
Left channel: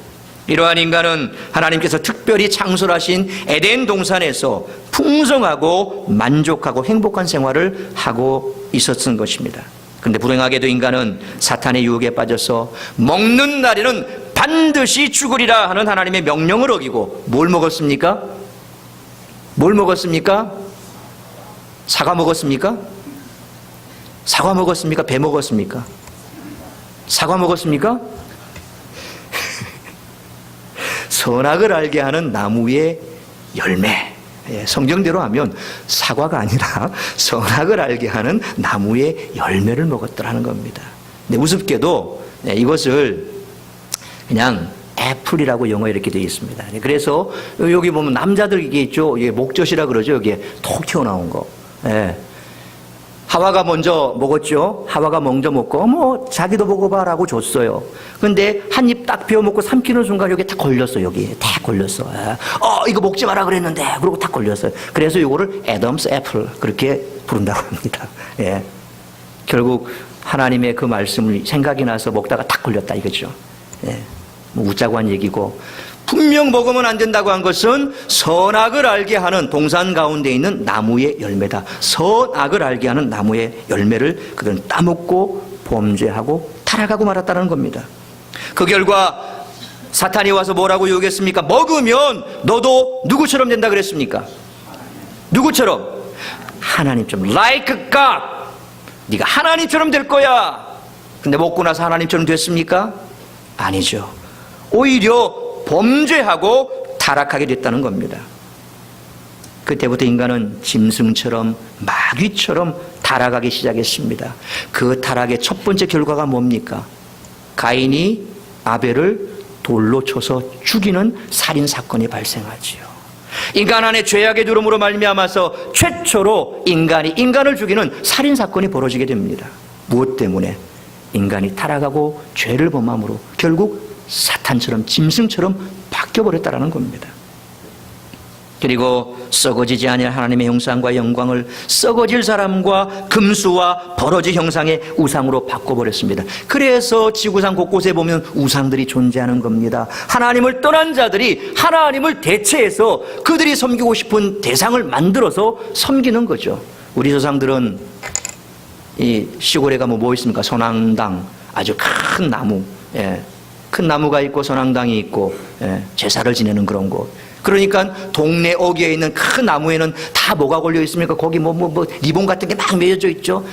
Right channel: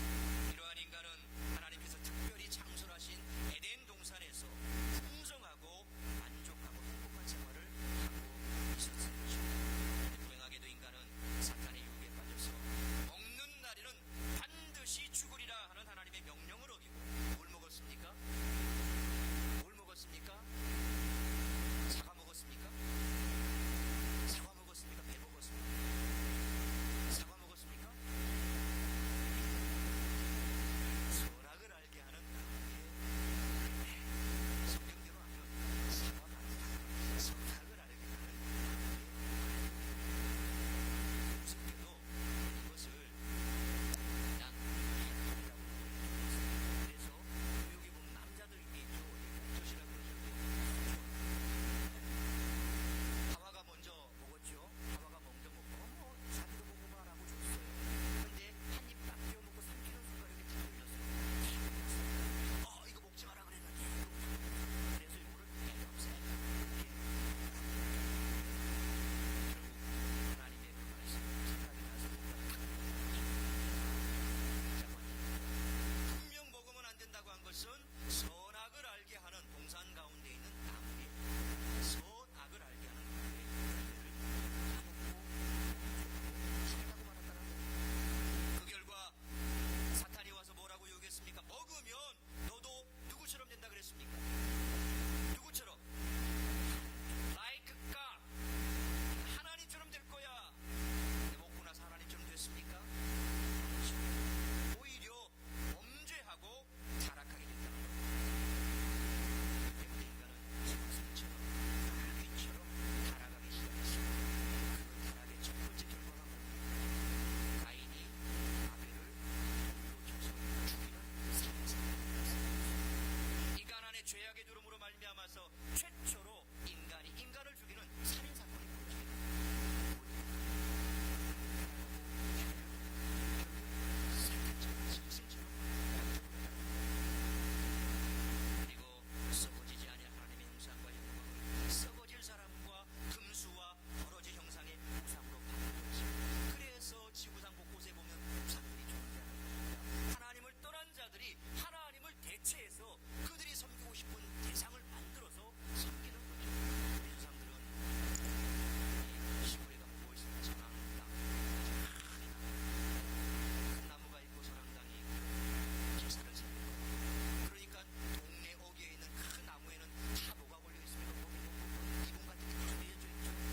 이러한 인간은 하나님께서 특별히 창설하신 에덴 동산에서 풍성하고 만족하고 행복한 생활을 하고 있었던 것입니다. 그런데 불행하게도 인간은 사탄의 유혹에 빠져서 먹는 날에는 반드시 죽으리라 하는 하나님의 명령을 어기고 뭘 먹었습니까? 뭘 먹었습니까? 사과 먹었습니까? 사과 먹었습니까? 배 먹었습니까? 사과 먹었습니까? 선악을 알게 하는 나무의 열매. 성경대로 하면 사과가 아니라 선악을 알게 하는 나무의 열매를 먹었더라는 겁니다. 근데 우습게도 이것을 그냥 애플이라고 영어에 이렇게 되어 있습니다. 그래서 여기 보면 남자들 이게 있죠. 이게 목젖이라 그러죠. 여기에 톡 튀어나온 거. 하와가 먼저 먹었죠. 하와가 먼저 먹고 자기도 먹어봐라고 줬어요. 근데 한 입 딱 베어 먹고 삼키는 순간 여기 딱 걸렸어. 여기 딱 걸렸어. 이거 먹지 마라 그랬는데 그러고 딱 걸렸어요. 그래서 이거를 애덤스 애플 그렇게 부른다고 합니다. 결국 하나님의 그 말씀을 생각이 나서 먹다가 딱 걸렸다 이거죠. 웃자고 한 얘기고, 분명 먹으면 안 된다고 한 것은 선악을 알게 하는 동산 가운데 있는 나무의 열매다. 선악을 알게 하는 나무의 열매를 그들은 따먹고 범죄하고 타락하고 말았다는 겁니다. 그 결과 사탄이 와서 뭐라고 유혹했습니까? 먹으면 너도 누구처럼 된다 그랬습니까? 누구처럼? 하나님처럼. Like God. 네가 하나님처럼 될 거야. 근데 먹고 나서 하나님처럼 됐습니까? 아니죠. 오히려 범죄하고 타락하게 됐다는 겁니다. 그때부터 인간은 짐승처럼 마귀처럼 타락하기 시작했습니다. 그 타락의 첫 번째 결과가 뭡니까? 가인이 아벨을 돌로 쳐서 죽이는 살인사건이 발생하지요. 인간 안에 죄악의 누름으로 말미암아서 최초로 인간이 인간을 죽이는 살인사건이 벌어지게 됩니다. 무엇 때문에? 인간이 타락하고 죄를 범함으로 결국 사탄처럼 짐승처럼 바뀌어버렸다는 겁니다. 그리고 썩어지지 아니할 하나님의 형상과 영광을 썩어질 사람과 금수와 버러지 형상의 우상으로 바꿔버렸습니다. 그래서 지구상 곳곳에 보면 우상들이 존재하는 겁니다. 하나님을 떠난 자들이 하나님을 대체해서 그들이 섬기고 싶은 대상을 만들어서 섬기는 거죠. 우리 조상들은 이 시골에 가면 뭐 있습니까? 선앙당, 아주 큰 나무, 큰 나무가 있고 선앙당이 있고 제사를 지내는 그런 곳. 그러니까 동네 어귀에 있는 큰 나무에는 다 뭐가 걸려 있습니까? 거기 뭐 리본 같은 게 막 매여져 있죠.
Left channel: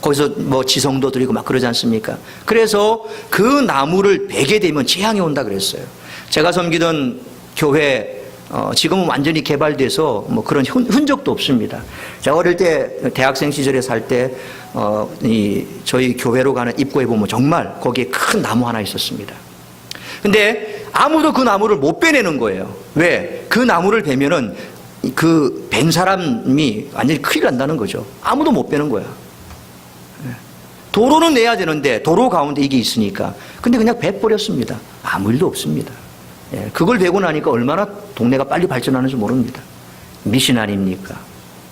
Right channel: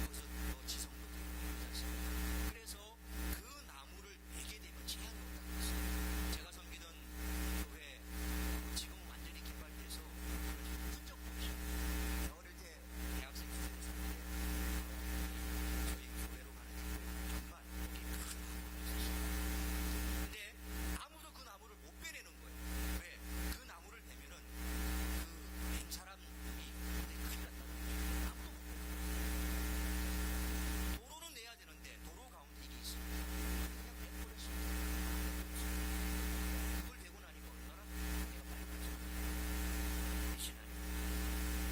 거기서 뭐 지성도 드리고 막 그러지 않습니까? 그래서 그 나무를 베게 되면 재앙이 온다 그랬어요. 제가 섬기던 교회 지금은 완전히 개발돼서 뭐 그런 흔적도 없습니다. 제가 어릴 때 대학생 시절에 살 때 저희 교회로 가는 입구에 보면 정말 거기에 큰 나무 하나 있었습니다. 근데 아무도 그 나무를 못 빼내는 거예요. 왜? 그 나무를 베면은 그 벤 사람이 완전히 큰일 난다는 거죠. 아무도 못 빼는 거야. 도로는 내야 되는데 도로 가운데 이게 있으니까. 근데 그냥 베버렸습니다. 아무 일도 없습니다. 그걸 베고 나니까 얼마나 동네가 빨리 발전하는지 모릅니다. 미신 아닙니까?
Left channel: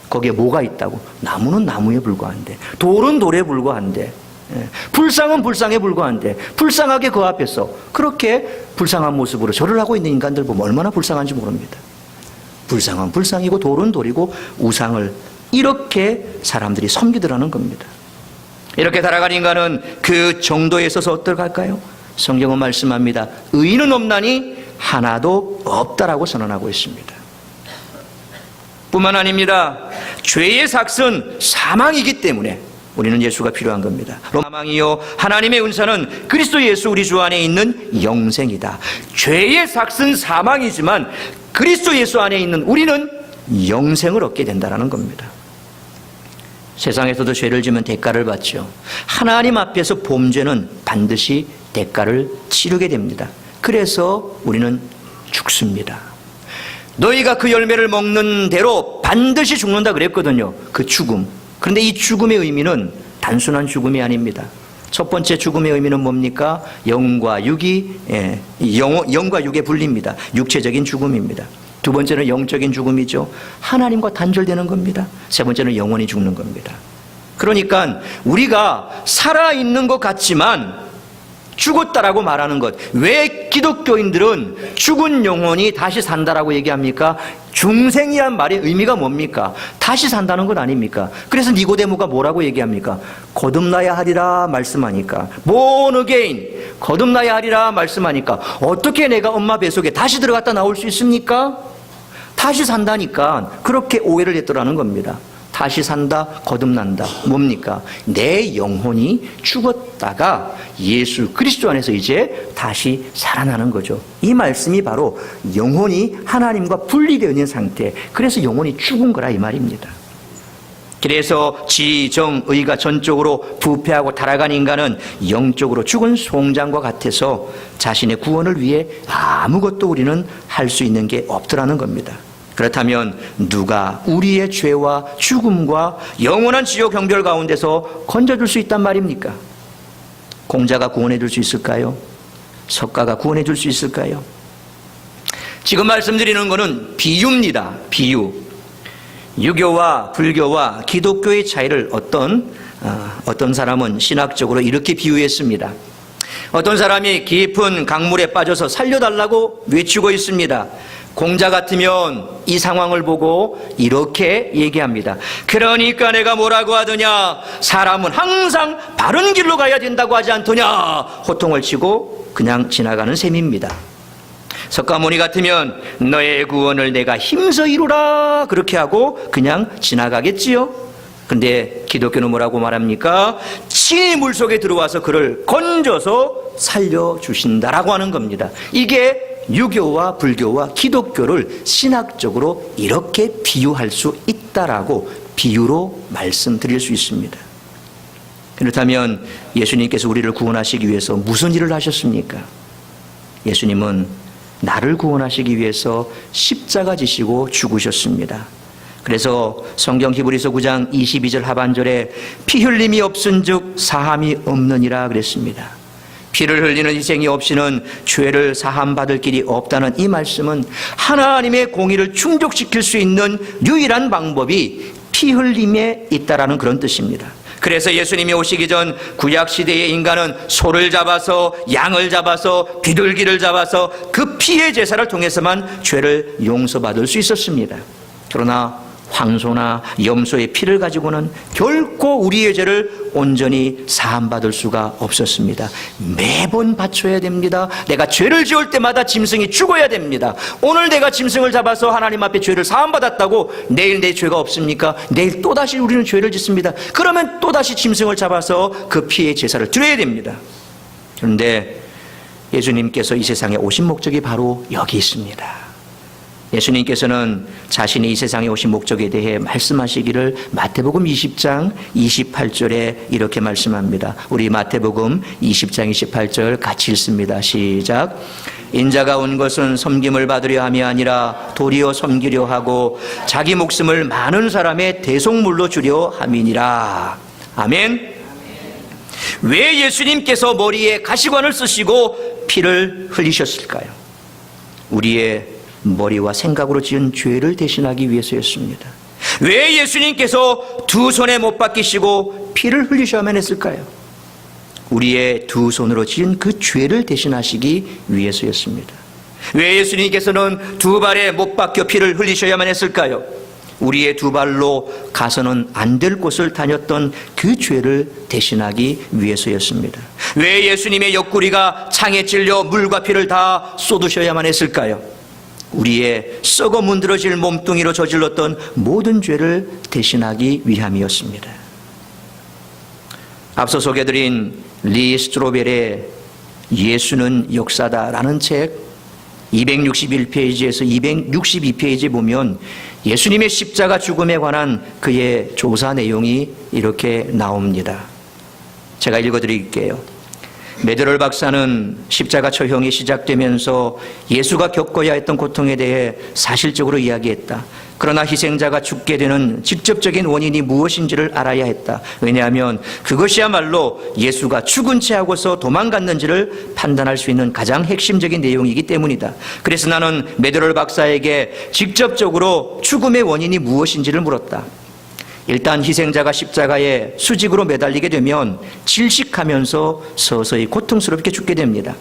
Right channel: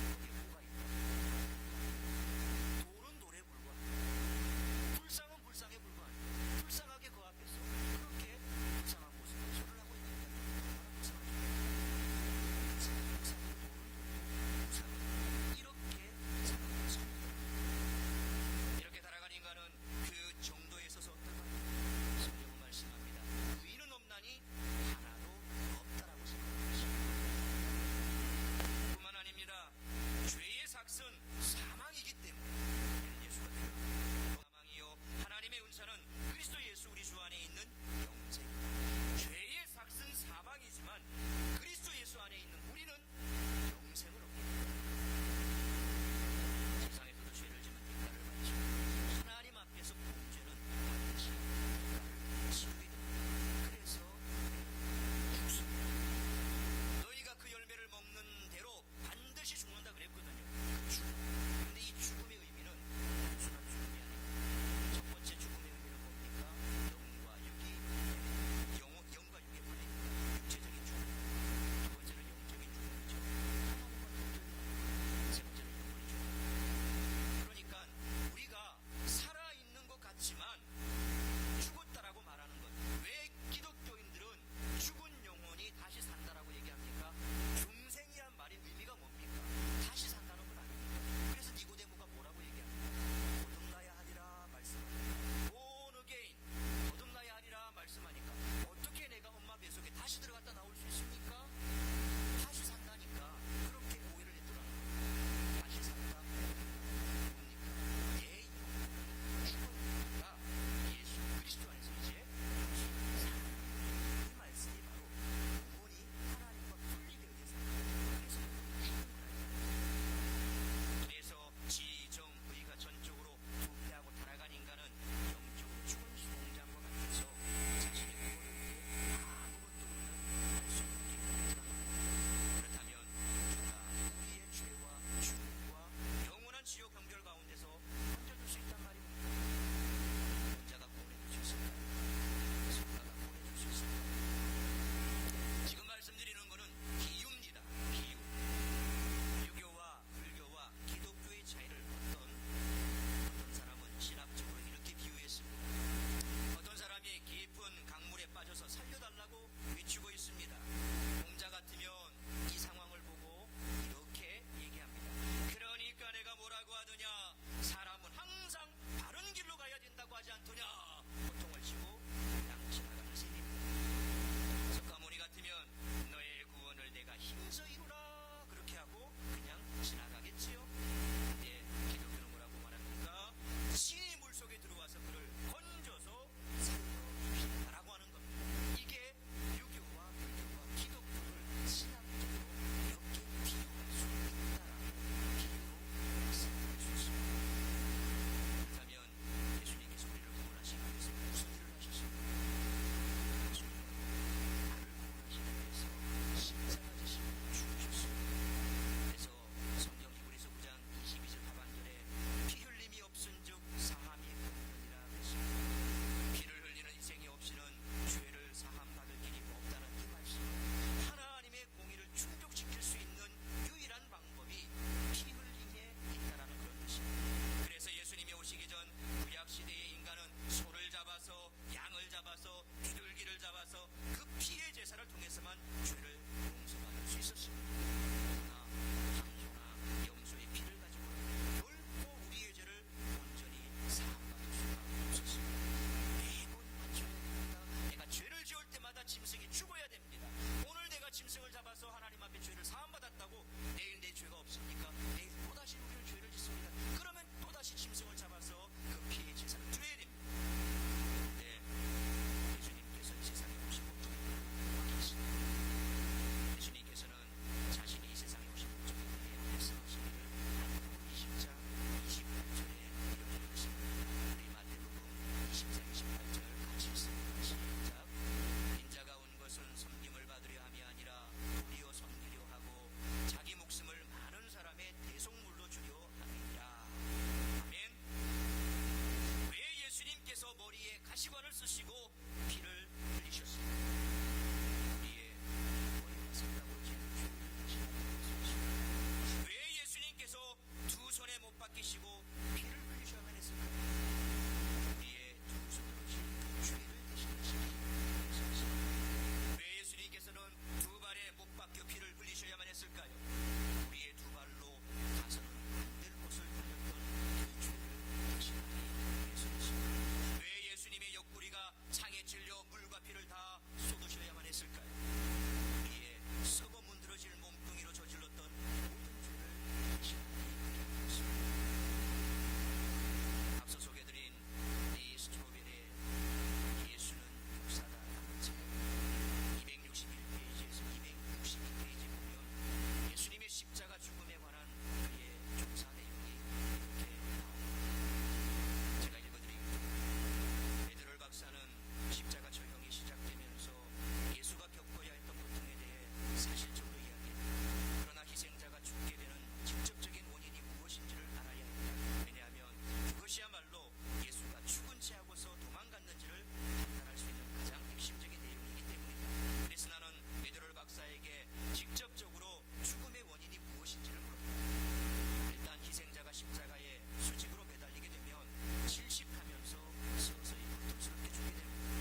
거기에 뭐가 있다고? 나무는 나무에 불과한데, 돌은 돌에 불과한데, 불상은 불상에 불과한데, 불쌍하게 그 앞에서 그렇게 불쌍한 모습으로 절을 하고 있는 인간들 보면 얼마나 불쌍한지 모릅니다. 불쌍은 불쌍이고 돌은 돌이고 우상을 이렇게 사람들이 섬기더라는 겁니다. 이렇게 살아간 인간은 그 정도에 있어서 어떨까요? 성경은 말씀합니다. 의인은 없나니 하나도 없다라고 선언하고 있습니다. 뿐만 아닙니다. 죄의 삭은 사망이기 때문에 우리는 예수가 필요한 겁니다. 사망이요 하나님의 은사는 그리스도 예수 우리 주 안에 있는 영생이다. 죄의 삭은 사망이지만 그리스도 예수 안에 있는 우리는 영생을 얻게 된다는 겁니다. 세상에서도 죄를 지면 대가를 받죠. 하나님 앞에서 범죄는 반드시 대가를 치르게 됩니다. 그래서 우리는 죽습니다. 너희가 그 열매를 먹는 대로 반드시 죽는다 그랬거든요. 그 죽음. 그런데 이 죽음의 의미는 단순한 죽음이 아닙니다. 첫 번째 죽음의 의미는 뭡니까? 영과 육이 영과 육의 분리입니다. 육체적인 죽음입니다. 두 번째는 영적인 죽음이죠. 하나님과 단절되는 겁니다. 세 번째는 영원히 죽는 겁니다. 그러니까 우리가 살아있는 것 같지만 죽었다라고 말하는 것. 왜 기독교인들은 죽은 영혼이 다시 산다라고 얘기합니까? 중생이란 말의 의미가 뭡니까? 다시 산다는 것 아닙니까? 그래서 니고데모가 뭐라고 얘기합니까? 거듭나야 하리라 말씀하니까, born again, 거듭나야 하리라 말씀하니까 어떻게 내가 엄마 뱃속에 다시 들어갔다 나올 수 있습니까? 다시 산다니까 그렇게 오해를 했더라는 겁니다. 다시 산다, 거듭난다. 뭡니까? 내 영혼이 죽었다가 예수 그리스도 안에서 이제 다시 살아나는 거죠. 이 말씀이 바로 영혼이 하나님과 분리되어 있는 상태, 그래서 영혼이 죽은 거라 이 말입니다. 그래서 지, 정, 의가 전적으로 부패하고 타락한 인간은 영적으로 죽은 송장과 같아서 자신의 구원을 위해 아무것도 우리는 할 수 있는 게 없더라는 겁니다. 그렇다면 누가 우리의 죄와 죽음과 영원한 지옥 형벌 가운데서 건져줄 수 있단 말입니까? 공자가 구원해 줄 수 있을까요? 석가가 구원해 줄 수 있을까요? 지금 말씀드리는 것은 비유입니다. 비유. 유교와 불교와 기독교의 차이를 어떤 사람은 신학적으로 이렇게 비유했습니다. 어떤 사람이 깊은 강물에 빠져서 살려달라고 외치고 있습니다. 공자 같으면 이 상황을 보고 이렇게 얘기합니다. 그러니까 내가 뭐라고 하더냐? 사람은 항상 바른 길로 가야 된다고 하지 않더냐? 호통을 치고 그냥 지나가는 셈입니다. 석가모니 같으면 너의 구원을 내가 힘써 이루라 그렇게 하고 그냥 지나가겠지요. 근데 기독교는 뭐라고 말합니까? 친히 물속에 들어와서 그를 건져서 살려주신다라고 하는 겁니다. 이게 유교와 불교와 기독교를 신학적으로 이렇게 비유할 수 있다라고 비유로 말씀드릴 수 있습니다. 그렇다면 예수님께서 우리를 구원하시기 위해서 무슨 일을 하셨습니까? 예수님은 나를 구원하시기 위해서 십자가 지시고 죽으셨습니다. 그래서 성경 히브리서 9장 22절 하반절에 피 흘림이 없은즉 사함이 없느니라 그랬습니다. 피를 흘리는 희생이 없이는 죄를 사함받을 길이 없다는 이 말씀은 하나님의 공의를 충족시킬 수 있는 유일한 방법이 피 흘림에 있다라는 그런 뜻입니다. 그래서 예수님이 오시기 전 구약시대의 인간은 소를 잡아서 양을 잡아서 비둘기를 잡아서 그 피의 제사를 통해서만 죄를 용서받을 수 있었습니다. 그러나 황소나 염소의 피를 가지고는 결코 우리의 죄를 온전히 사함받을 수가 없었습니다. 매번 바쳐야 됩니다. 내가 죄를 지을 때마다 짐승이 죽어야 됩니다. 오늘 내가 짐승을 잡아서 하나님 앞에 죄를 사함받았다고 내일 내 죄가 없습니까? 내일 또다시 우리는 죄를 짓습니다. 그러면 또다시 짐승을 잡아서 그 피의 제사를 드려야 됩니다. 그런데 예수님께서 이 세상에 오신 목적이 바로 여기 있습니다. 예수님께서는 자신이 이 세상에 오신 목적에 대해 말씀하시기를 마태복음 20장 28절에 이렇게 말씀합니다. 우리 마태복음 20장 28절 같이 읽습니다. 시작. 인자가 온 것은 섬김을 받으려 함이 아니라 도리어 섬기려 하고 자기 목숨을 많은 사람의 대속물로 주려 함이니라. 아멘. 왜 예수님께서 머리에 가시관을 쓰시고 피를 흘리셨을까요? 우리의 머리와 생각으로 지은 죄를 대신하기 위해서였습니다. 왜 예수님께서 두 손에 못 박히시고 피를 흘리셔야만 했을까요? 우리의 두 손으로 지은 그 죄를 대신하시기 위해서였습니다. 왜 예수님께서는 두 발에 못 박혀 피를 흘리셔야만 했을까요? 우리의 두 발로 가서는 안 될 곳을 다녔던 그 죄를 대신하기 위해서였습니다. 왜 예수님의 옆구리가 창에 찔려 물과 피를 다 쏟으셔야만 했을까요? 우리의 썩어 문드러질 몸뚱이로 저질렀던 모든 죄를 대신하기 위함이었습니다. 앞서 소개드린 리 스트로벨의 예수는 역사다라는 책 261페이지에서 262페이지에 보면 예수님의 십자가 죽음에 관한 그의 조사 내용이 이렇게 나옵니다. 제가 읽어드릴게요. 메드럴 박사는 십자가 처형이 시작되면서 예수가 겪어야 했던 고통에 대해 사실적으로 이야기했다. 그러나 희생자가 죽게 되는 직접적인 원인이 무엇인지를 알아야 했다. 왜냐하면 그것이야말로 예수가 죽은 채 하고서 도망갔는지를 판단할 수 있는 가장 핵심적인 내용이기 때문이다. 그래서 나는 메드럴 박사에게 직접적으로 죽음의 원인이 무엇인지를 물었다. 일단 희생자가 십자가에 수직으로 매달리게 되면 질식하면서 서서히 고통스럽게 죽게 됩니다.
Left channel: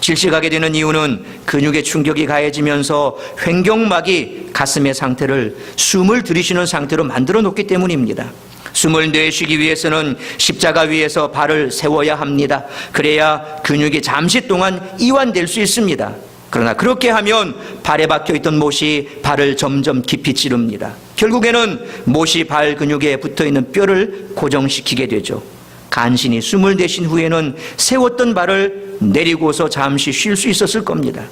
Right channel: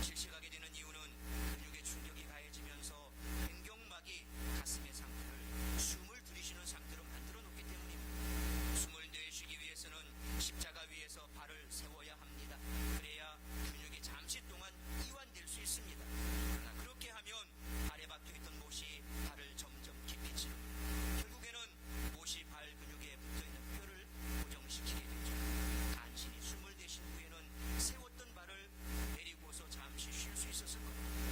질식하게 되는 이유는 근육의 충격이 가해지면서 횡격막이 가슴의 상태를 숨을 들이쉬는 상태로 만들어 놓기 때문입니다. 숨을 내쉬기 위해서는 십자가 위에서 발을 세워야 합니다. 그래야 근육이 잠시 동안 이완될 수 있습니다. 그러나 그렇게 하면 발에 박혀있던 못이 발을 점점 깊이 찌릅니다. 결국에는 못이 발 근육에 붙어있는 뼈를 고정시키게 되죠. 간신히 숨을 내쉰 후에는 세웠던 발을 내리고서 잠시 쉴 수 있었을 겁니다.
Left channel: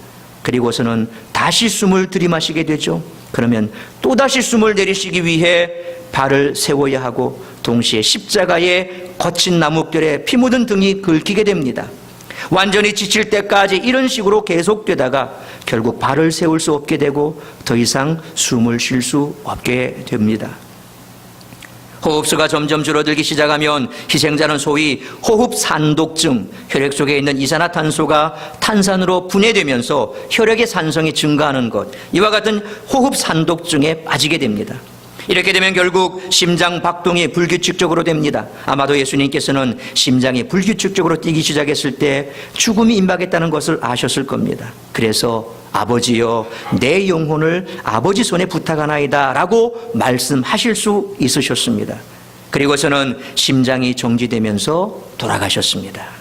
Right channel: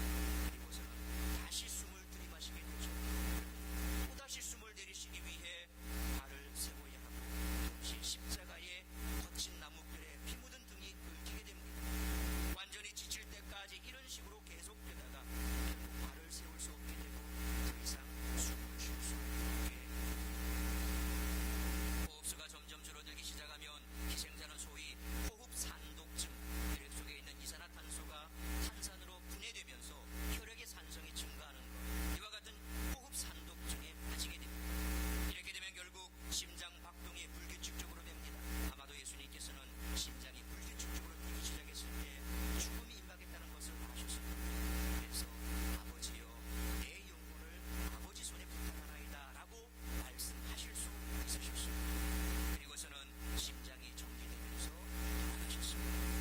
그리고서는 다시 숨을 들이마시게 되죠. 그러면 또다시 숨을 내리시기 위해 발을 세워야 하고 동시에 십자가의 거친 나뭇결에 피 묻은 등이 긁히게 됩니다. 완전히 지칠 때까지 이런 식으로 계속되다가 결국 발을 세울 수 없게 되고 더 이상 숨을 쉴 수 없게 됩니다. 호흡수가 점점 줄어들기 시작하면 희생자는 소위 호흡산독증, 혈액 속에 있는 이산화탄소가 탄산으로 분해되면서 혈액의 산성이 증가하는 것, 이와 같은 호흡산독증에 빠지게 됩니다. 이렇게 되면 결국 심장 박동이 불규칙적으로 됩니다. 아마도 예수님께서는 심장이 불규칙적으로 뛰기 시작했을 때 죽음이 임박했다는 것을 아셨을 겁니다. 그래서 아버지여 내 영혼을 아버지 손에 부탁하나이다 라고 말씀하실 수 있으셨습니다. 그리고서는 심장이 정지되면서 돌아가셨습니다.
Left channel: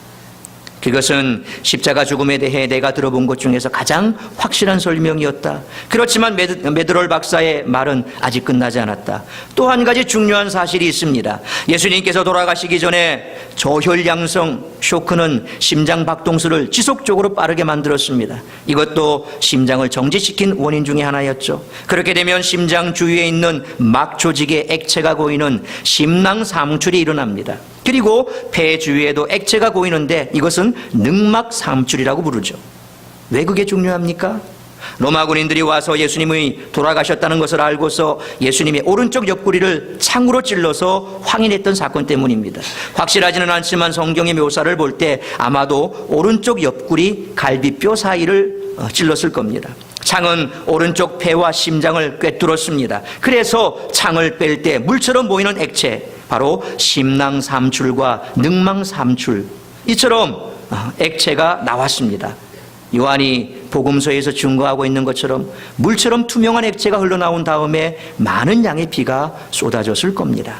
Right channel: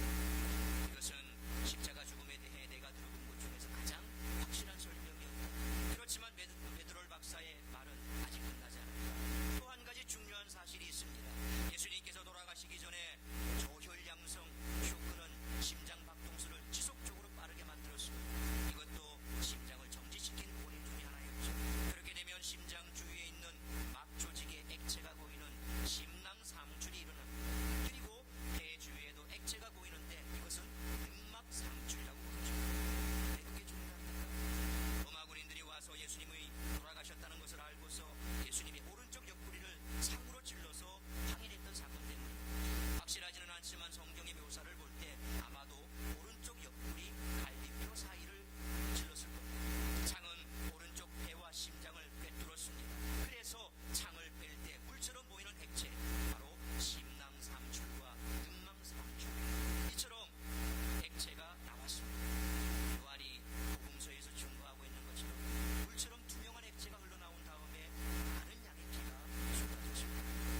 그것은 십자가 죽음에 대해 내가 들어본 것 중에서 가장 확실한 설명이었다. 그렇지만 메드롤 박사의 말은 아직 끝나지 않았다. 또 한 가지 중요한 사실이 있습니다. 예수님께서 돌아가시기 전에 저혈량성 쇼크는 심장 박동수를 지속적으로 빠르게 만들었습니다. 이것도 심장을 정지시킨 원인 중에 하나였죠. 그렇게 되면 심장 주위에 있는 막 조직에 액체가 고이는 심낭삼출이 일어납니다. 그리고 폐 주위에도 액체가 고이는데 이것은 늑막삼출이라고 부르죠. 왜 그게 중요합니까? 로마 군인들이 와서 예수님이 돌아가셨다는 것을 알고서 예수님의 오른쪽 옆구리를 창으로 찔러서 확인했던 사건 때문입니다. 확실하지는 않지만 성경의 묘사를 볼 때 아마도 오른쪽 옆구리 갈비뼈 사이를 찔렀을 겁니다. 창은 오른쪽 폐와 심장을 꿰뚫었습니다. 그래서 창을 뺄 때 물처럼 보이는 액체, 바로 심낭삼출과 늑망삼출, 이처럼 액체가 나왔습니다. 요한이 복음서에서 증거하고 있는 것처럼 물처럼 투명한 액체가 흘러나온 다음에 많은 양의 피가 쏟아졌을 겁니다.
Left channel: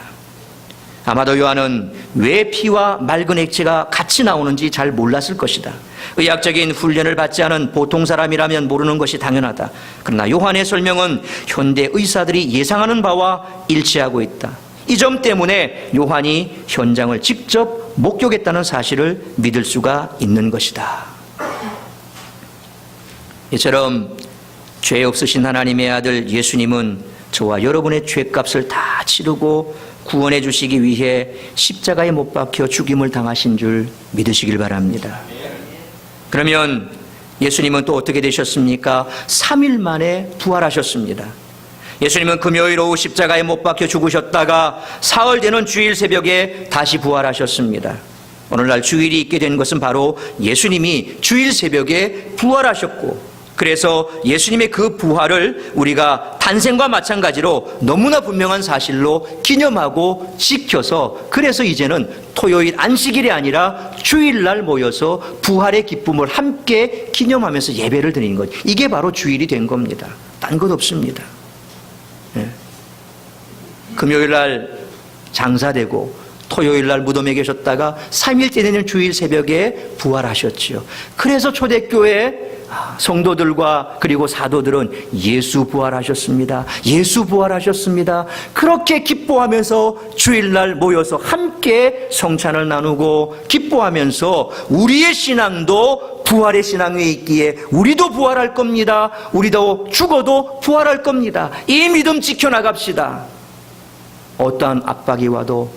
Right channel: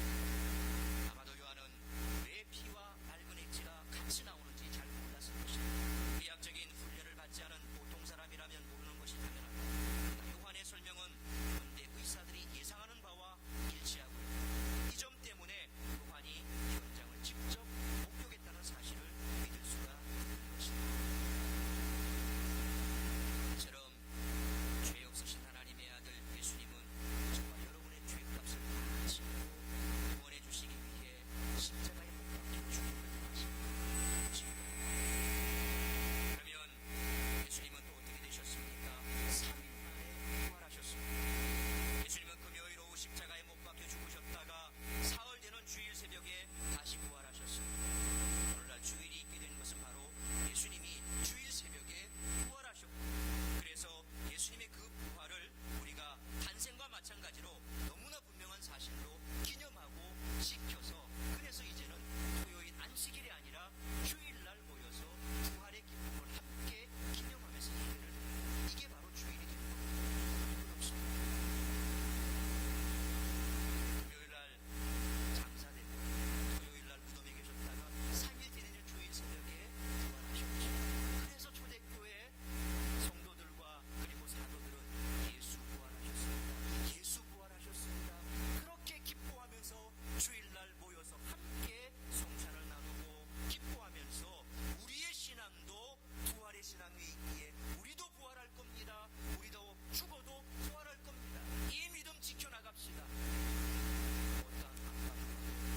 아마도 요한은 왜 피와 맑은 액체가 같이 나오는지 잘 몰랐을 것이다. 의학적인 훈련을 받지 않은 보통 사람이라면 모르는 것이 당연하다. 그러나 요한의 설명은 현대 의사들이 예상하는 바와 일치하고 있다. 이 점 때문에 요한이 현장을 직접 목격했다는 사실을 믿을 수가 있는 것이다. 이처럼 죄 없으신 하나님의 아들 예수님은 저와 여러분의 죄값을 다 치르고 구원해 주시기 위해 십자가에 못 박혀 죽임을 당하신 줄 믿으시길 바랍니다. 그러면 예수님은 또 어떻게 되셨습니까? 3일 만에 부활하셨습니다. 예수님은 금요일 오후 십자가에 못 박혀 죽으셨다가 사흘 되는 주일 새벽에 다시 부활하셨습니다. 오늘날 주일이 있게 된 것은 바로 예수님이 주일 새벽에 부활하셨고, 그래서 예수님의 그 부활을 우리가 탄생과 마찬가지로 너무나 분명한 사실로 기념하고 지켜서, 그래서 이제는 토요일 안식일이 아니라 주일날 모여서 부활의 기쁨을 함께 기념하면서 예배를 드리는 것, 이게 바로 주일이 된 겁니다. 딴 것 없습니다. 금요일날 장사되고 토요일날 무덤에 계셨다가 3일째 되는 주일 새벽에 부활하셨지요. 그래서 초대교회 성도들과 그리고 사도들은 예수 부활하셨습니다, 예수 부활하셨습니다, 그렇게 기뻐하면서 주일날 모여서 함께 성찬을 나누고 기뻐하면서 우리의 신앙도 부활의 신앙 위에 있기에 우리도 부활할 겁니다, 우리도 죽어도 부활할 겁니다, 이 믿음 지켜나갑시다. 어떠한 압박이 와도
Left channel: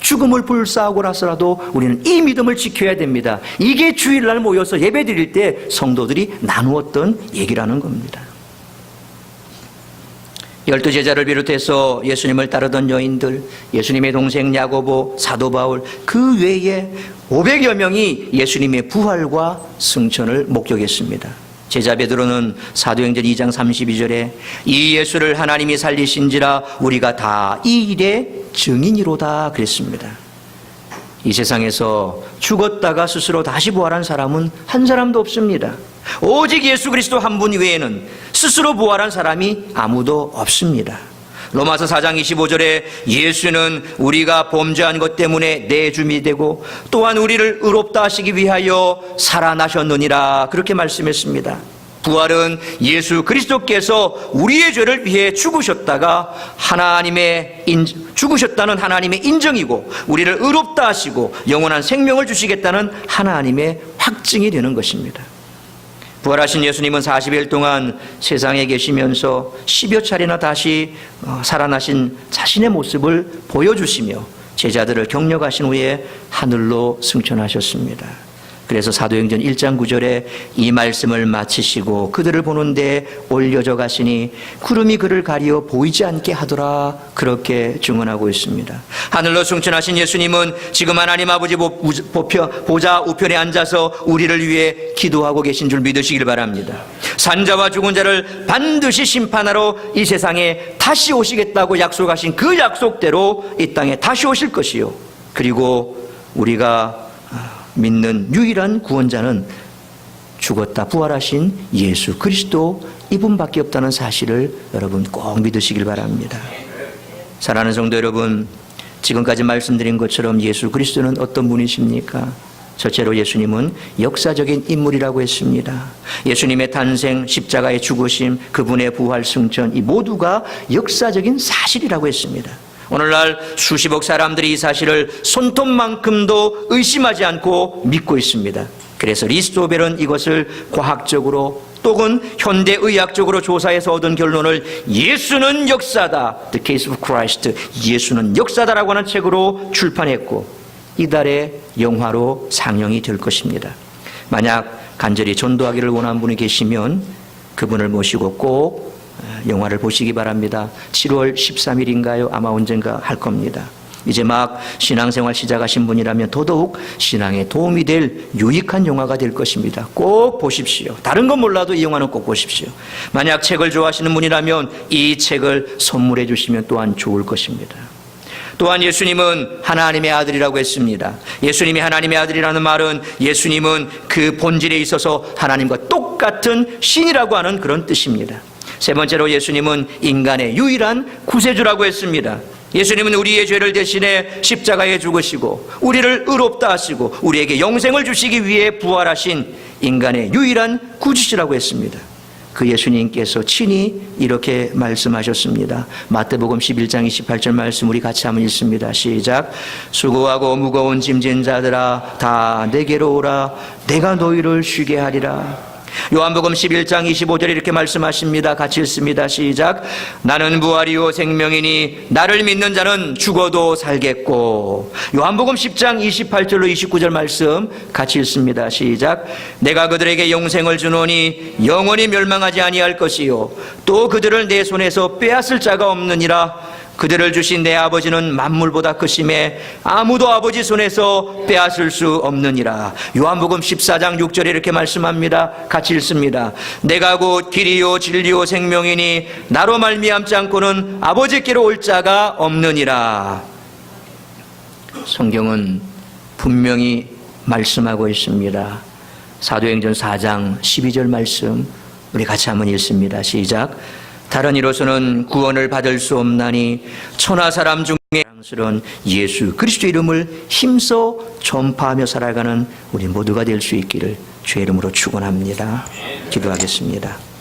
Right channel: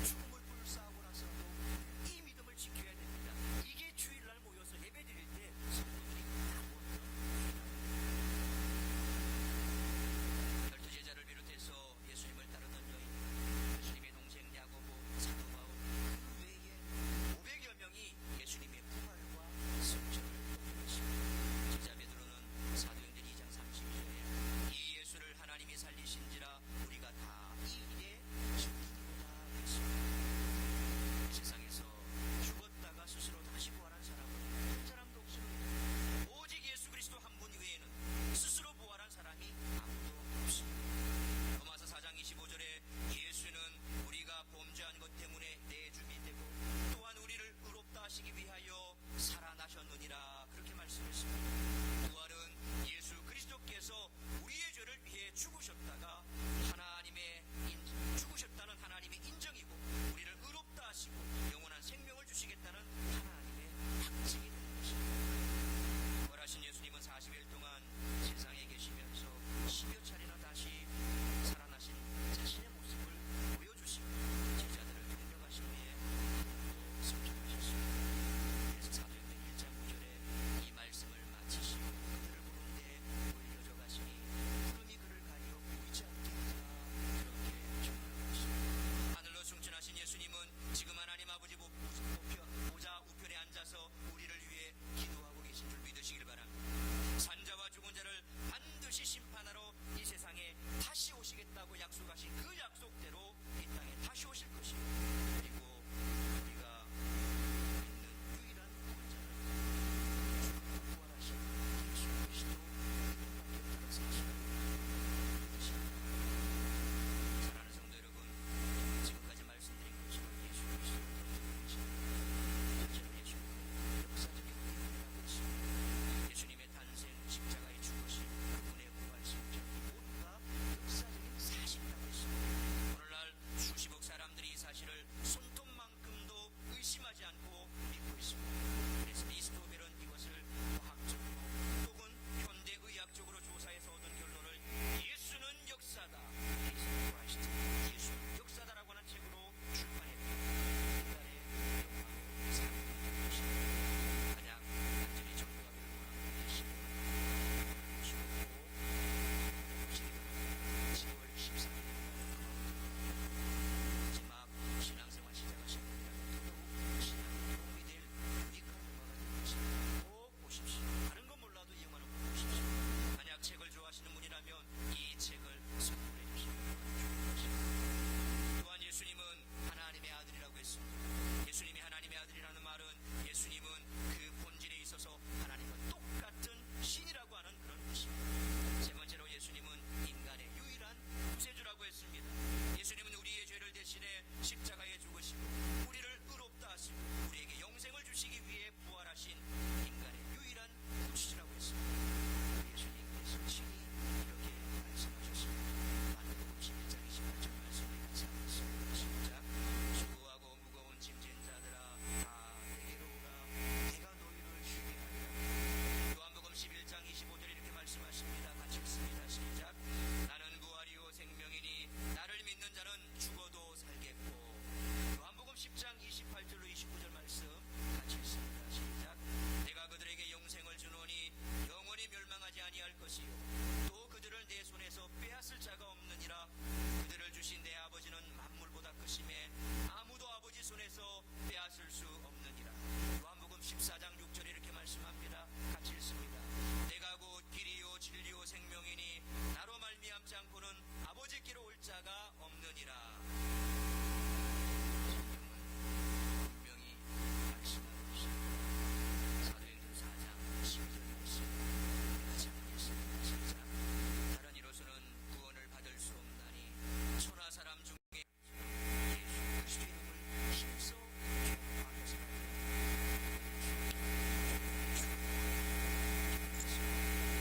죽음을 불사하고 나서라도 우리는 이 믿음을 지켜야 됩니다. 이게 주일날 모여서 예배 드릴 때 성도들이 나누었던 얘기라는 겁니다. 12제자를 비롯해서 예수님을 따르던 여인들, 예수님의 동생 야고보, 사도 바울, 그 외에 500여 명이 예수님의 부활과 승천을 목격했습니다. 제자 베드로는 사도행전 2장 32절에 이 예수를 하나님이 살리신지라 우리가 다 이 일의 증인이로다 그랬습니다. 이 세상에서 죽었다가 스스로 다시 부활한 사람은 한 사람도 없습니다. 오직 예수 그리스도 한 분 외에는 스스로 부활한 사람이 아무도 없습니다. 로마서 4장 25절에 예수는 우리가 범죄한 것 때문에 내 주민이 되고 또한 우리를 의롭다 하시기 위하여 살아나셨느니라 그렇게 말씀했습니다. 부활은 예수 그리스도께서 우리의 죄를 위해 죽으셨다가 죽으셨다는 하나님의 인정이고 우리를 의롭다 하시고 영원한 생명을 주시겠다는 하나님의 확증이 되는 것입니다. 부활하신 예수님은 40일 동안 세상에 계시면서 10여 차례나 다시 살아나신 자신의 모습을 보여주시며 제자들을 격려하신 후에 하늘로 승천하셨습니다. 그래서 사도행전 1장 9절에 이 말씀을 마치시고 그들을 보는데 올려져 가시니 구름이 그를 가리어 보이지 않게 하더라 그렇게 증언하고 있습니다. 하늘로 승천하신 예수님은 지금 하나님 아버지 보좌 우편에 앉아서 우리를 위해 기도하고 계신 줄 믿으시길 바랍니다. 산자와 죽은 자를 반드시 심판하러 이 세상에 다시 오시겠다고 약속하신 그 약속대로 이 땅에 다시 오실 것이요, 그리고 우리가 믿는 유일한 구원자는 죽었다 부활하신 예수 그리스도 이분밖에 없다는 사실을 여러분 꼭 믿으시길 바랍니다. 사랑하는 성도 여러분, 지금까지 말씀드린 것처럼 예수 그리스도는 어떤 분이십니까? 첫째로 예수님은 역사적인 인물이라고 했습니다. 예수님의 탄생, 십자가의 죽으심, 그분의 부활, 승천, 이 모두가 역사적인 사실이라고 했습니다. 오늘날 수십억 사람들이 이 사실을 손톱만큼도 의심하지 않고 믿고 있습니다. 그래서 리스토벨은 이것을 과학적으로 또는 현대의학적으로 조사해서 얻은 결론을 예수는 역사다, The Case of Christ, 예수는 역사다라고 하는 책으로 출판했고 이달에 영화로 상영이 될 것입니다. 만약 간절히 전도하기를 원하는 분이 계시면 그분을 모시고 꼭 영화를 보시기 바랍니다. 7월 13일인가요? 아마 언젠가 할 겁니다. 이제 막 신앙생활 시작하신 분이라면 더더욱 신앙에 도움이 될 유익한 영화가 될 것입니다. 꼭 보십시오. 다른 건 몰라도 이 영화는 꼭 보십시오. 만약 책을 좋아하시는 분이라면 이 책을 선물해 주시면 또한 좋을 것입니다. 또한 예수님은 하나님의 아들이라고 했습니다. 예수님이 하나님의 아들이라는 말은 예수님은 그 본질에 있어서 하나님과 똑같은 신이라고 하는 그런 뜻입니다. 세 번째로 예수님은 인간의 유일한 구세주라고 했습니다. 예수님은 우리의 죄를 대신해 십자가에 죽으시고 우리를 의롭다 하시고 우리에게 영생을 주시기 위해 부활하신 인간의 유일한 구주시라고 했습니다. 그 예수님께서 친히 이렇게 말씀하셨습니다. 마태복음 11장 28절 말씀 우리 같이 한번 읽습니다. 시작. 수고하고 무거운 짐진 자들아 다 내게로 오라, 내가 너희를 쉬게 하리라. 요한복음 11장 25절에 이렇게 말씀하십니다. 같이 읽습니다. 시작. 나는 부활이요 생명이니 나를 믿는 자는 죽어도 살겠고. 요한복음 10장 28절로 29절 말씀 같이 읽습니다. 시작. 내가 그들에게 영생을 주노니 영원히 멸망하지 아니할 것이요 또 그들을 내 손에서 빼앗을 자가 없느니라. 그들을 주신 내 아버지는 만물보다 크심에 아무도 아버지 손에서 빼앗을 수 없느니라. 요한복음 14장 6절에 이렇게 말씀합니다. 같이 읽습니다. 내가 곧 길이요 진리요 생명이니 나로 말미암지 않고는 아버지께로 올 자가 없느니라. 성경은 분명히 말씀하고 있습니다. 사도행전 4장 12절 말씀 우리 같이 한번 읽습니다. 시작. 다른 이로서는 구원을 받을 수 없나니 천하 사람 중에 사랑스러운 예수 그리스도 이름을 힘써 전파하며 살아가는 우리 모두가 될 수 있기를 주의 이름으로 축원합니다. 기도하겠습니다.